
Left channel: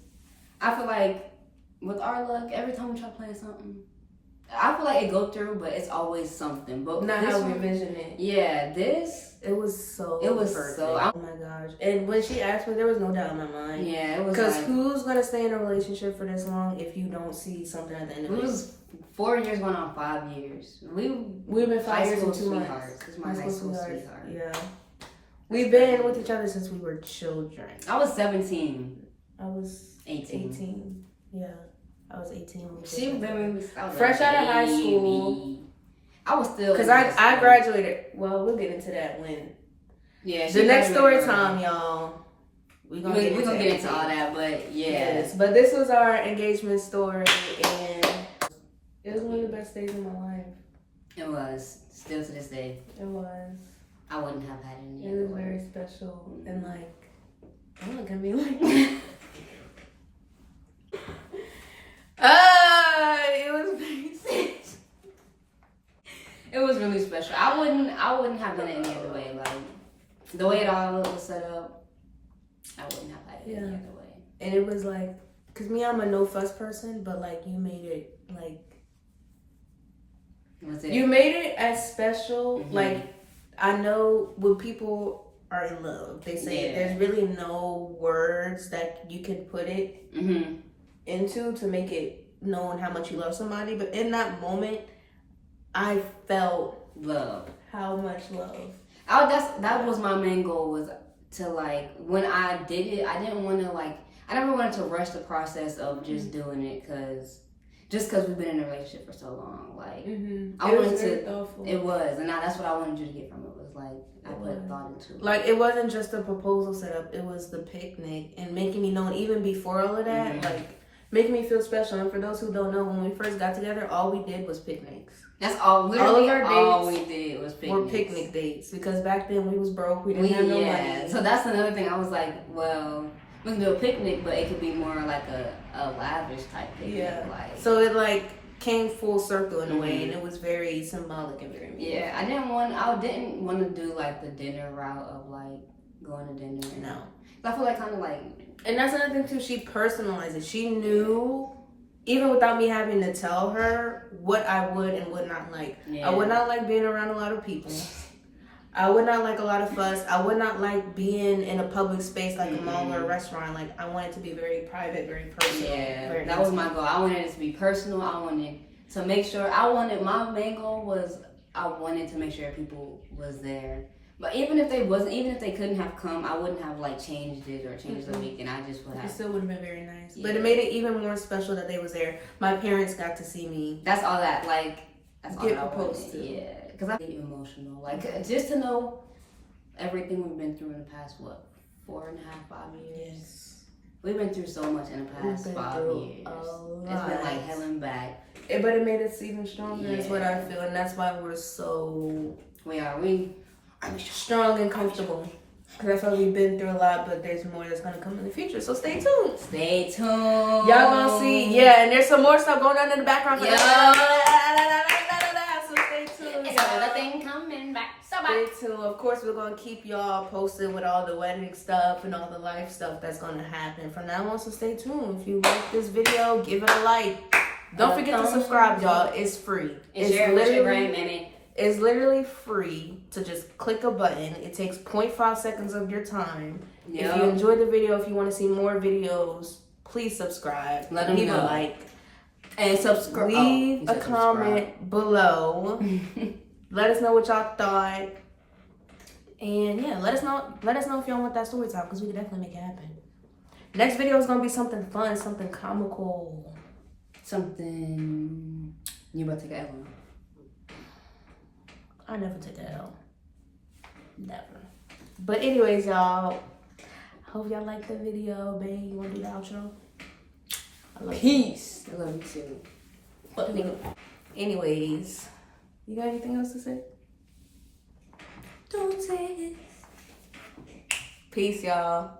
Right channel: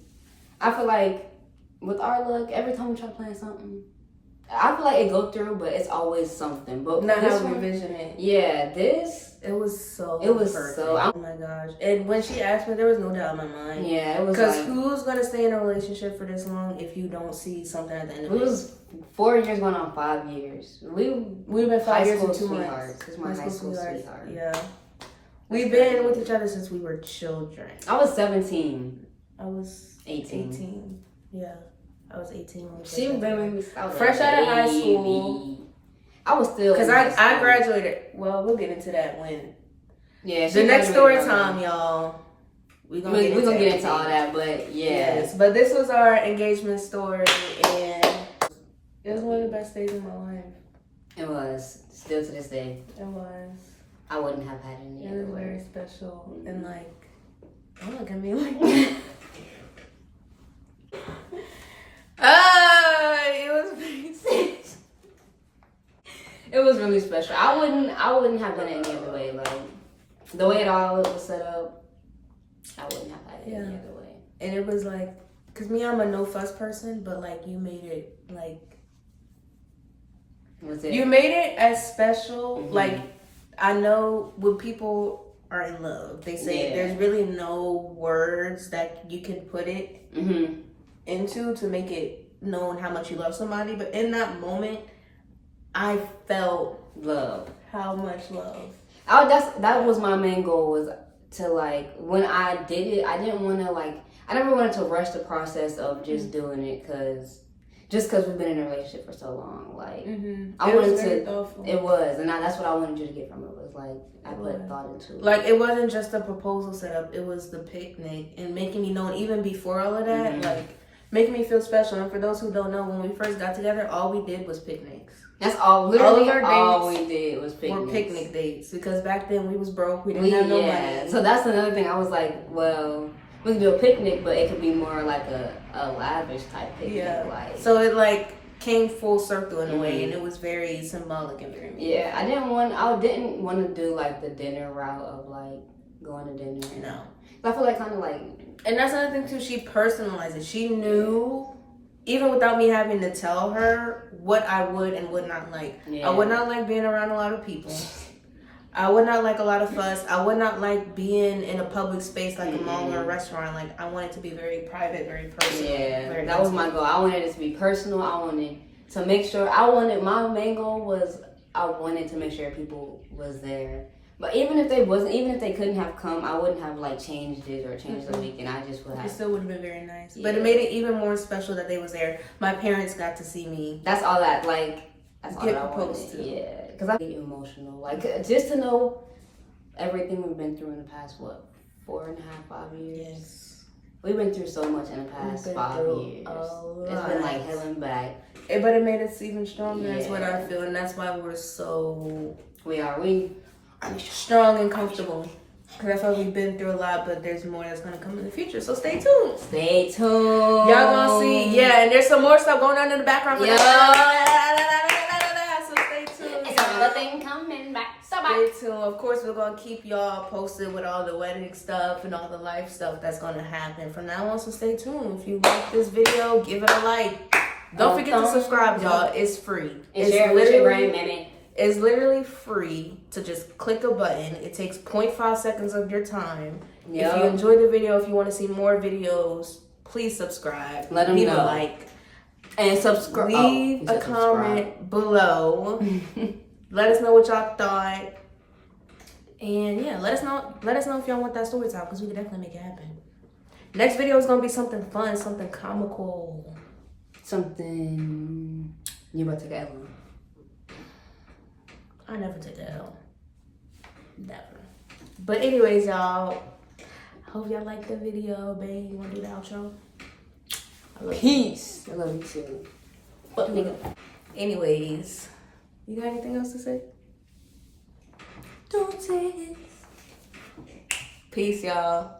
I feel like with our luck, every time we try to plan something, I feel like it go through, but it's always something. But not how we envision it. Yeah, it was so perfect. Oh my gosh. And when she asked me, there was no doubt in my mind. Yeah, it was because who's gonna stay in a relationship for this long if you don't see something at the end of it? It was 4 years going on 5 years. We've been 5 years and 2 months. This is my high school sweetheart. Yeah. We've been with each other since we were children. I was 17. I was 18. Yeah. I was 18 when we fresh out of high school. I was still, because I graduated. Well, we'll get into that when. Yeah. The next story time, y'all. We're gonna get into all that, but yes. But this was our engagement story, and it was one of the best days of my life. It was, still to this day. It was. I wouldn't have had any. It was very special, and don't look at me like. It was very it was really special. I wouldn't have done it any other way. The way it all was set up, I wouldn't have had it any other way. And it was cause me, I'm a no fuss person, but you made it you made it as special. I know when people are in love, they say there's really no words that you can put it into to make it known how much you love somebody, but in that moment I felt love. How much love. That was my main goal, was to like when I did it, I didn't want to like I never wanted to rush the process of just doing it because we've been in a relationship for so long. Like I wanted to. thoughtful. It was, and that's what I wanted you to get from it. Was like I put thought into it. Like it wasn't just a proposal setup; it was the picnic and making me know. Even before all of that, like making me feel special. And for those who don't know, when we first got together, all we did was picnics. That's all. Literally, all of our all dates we did was picnics. were picnic dates because back then we was broke. We didn't have no money. So that's another thing. I was like, well, we can do a picnic, but it could be more like a lavish type picnic. Yeah. Like, so it like came full circle in a way, and it was very symbolic and very meaningful. Yeah, I didn't want to do like the dinner route of like going to dinner. No. I feel like kind of like. And that's another thing too. She personalized it. She knew. Even without me having to tell her what I would and would not like. Yeah. I would not like being around a lot of people. I would not like a lot of fuss. I would not like being in a public space like a mall or a restaurant. Like I want it to be very private, very personal. Yeah, that was my goal. I wanted it to be personal. I wanted to make sure. My main goal was I wanted to make sure people was there. But even if they couldn't have come, I wouldn't have like changed it or changed the weekend. I just would have. It still would have been very nice. Yeah. But it made it even more special that they was there. My parents got to see me. That's all that like. That's Get all proposed I wanted. to. Yeah, because I get you emotional. Like just to know everything we've been through in the past 4.5, 5 years. Yes. We've been through so much in the past 5 years. It's been like hell and back. But it made us even stronger. Yeah. Is what I feel, and that's why we're so. We Strong and comfortable. Because I feel like we've been through a lot, but there's more that's going to come in the future. So stay tuned. Stay tuned. Y'all going to see. Yeah, and there's some more stuff going on in the background. For so stay tuned. Another thing coming back. Stay tuned. Of course, we're going to keep y'all posted with all the wedding stuff and all the life stuff that's going to happen from now on. So stay tuned. If you like this video, give it a like. Don't forget to subscribe, y'all. It's free. It's literally free to just click a button. It takes 0.5 seconds of your time. Yep. If you enjoyed the video, if you want to see more videos, please subscribe. Leave a like. And subscribe. Leave a comment below. Let us know what y'all thought. And yeah, let us know if y'all want that story time, because we can definitely make it happen. Next video is gonna be something fun, something comical. Something you about to get one. I never take that out. Never. But anyways, y'all. Hope y'all liked the video, babe. You wanna do the outro? I love Peace. I love you too. But anyways, you got anything else to say? Don't say it. Peace, y'all.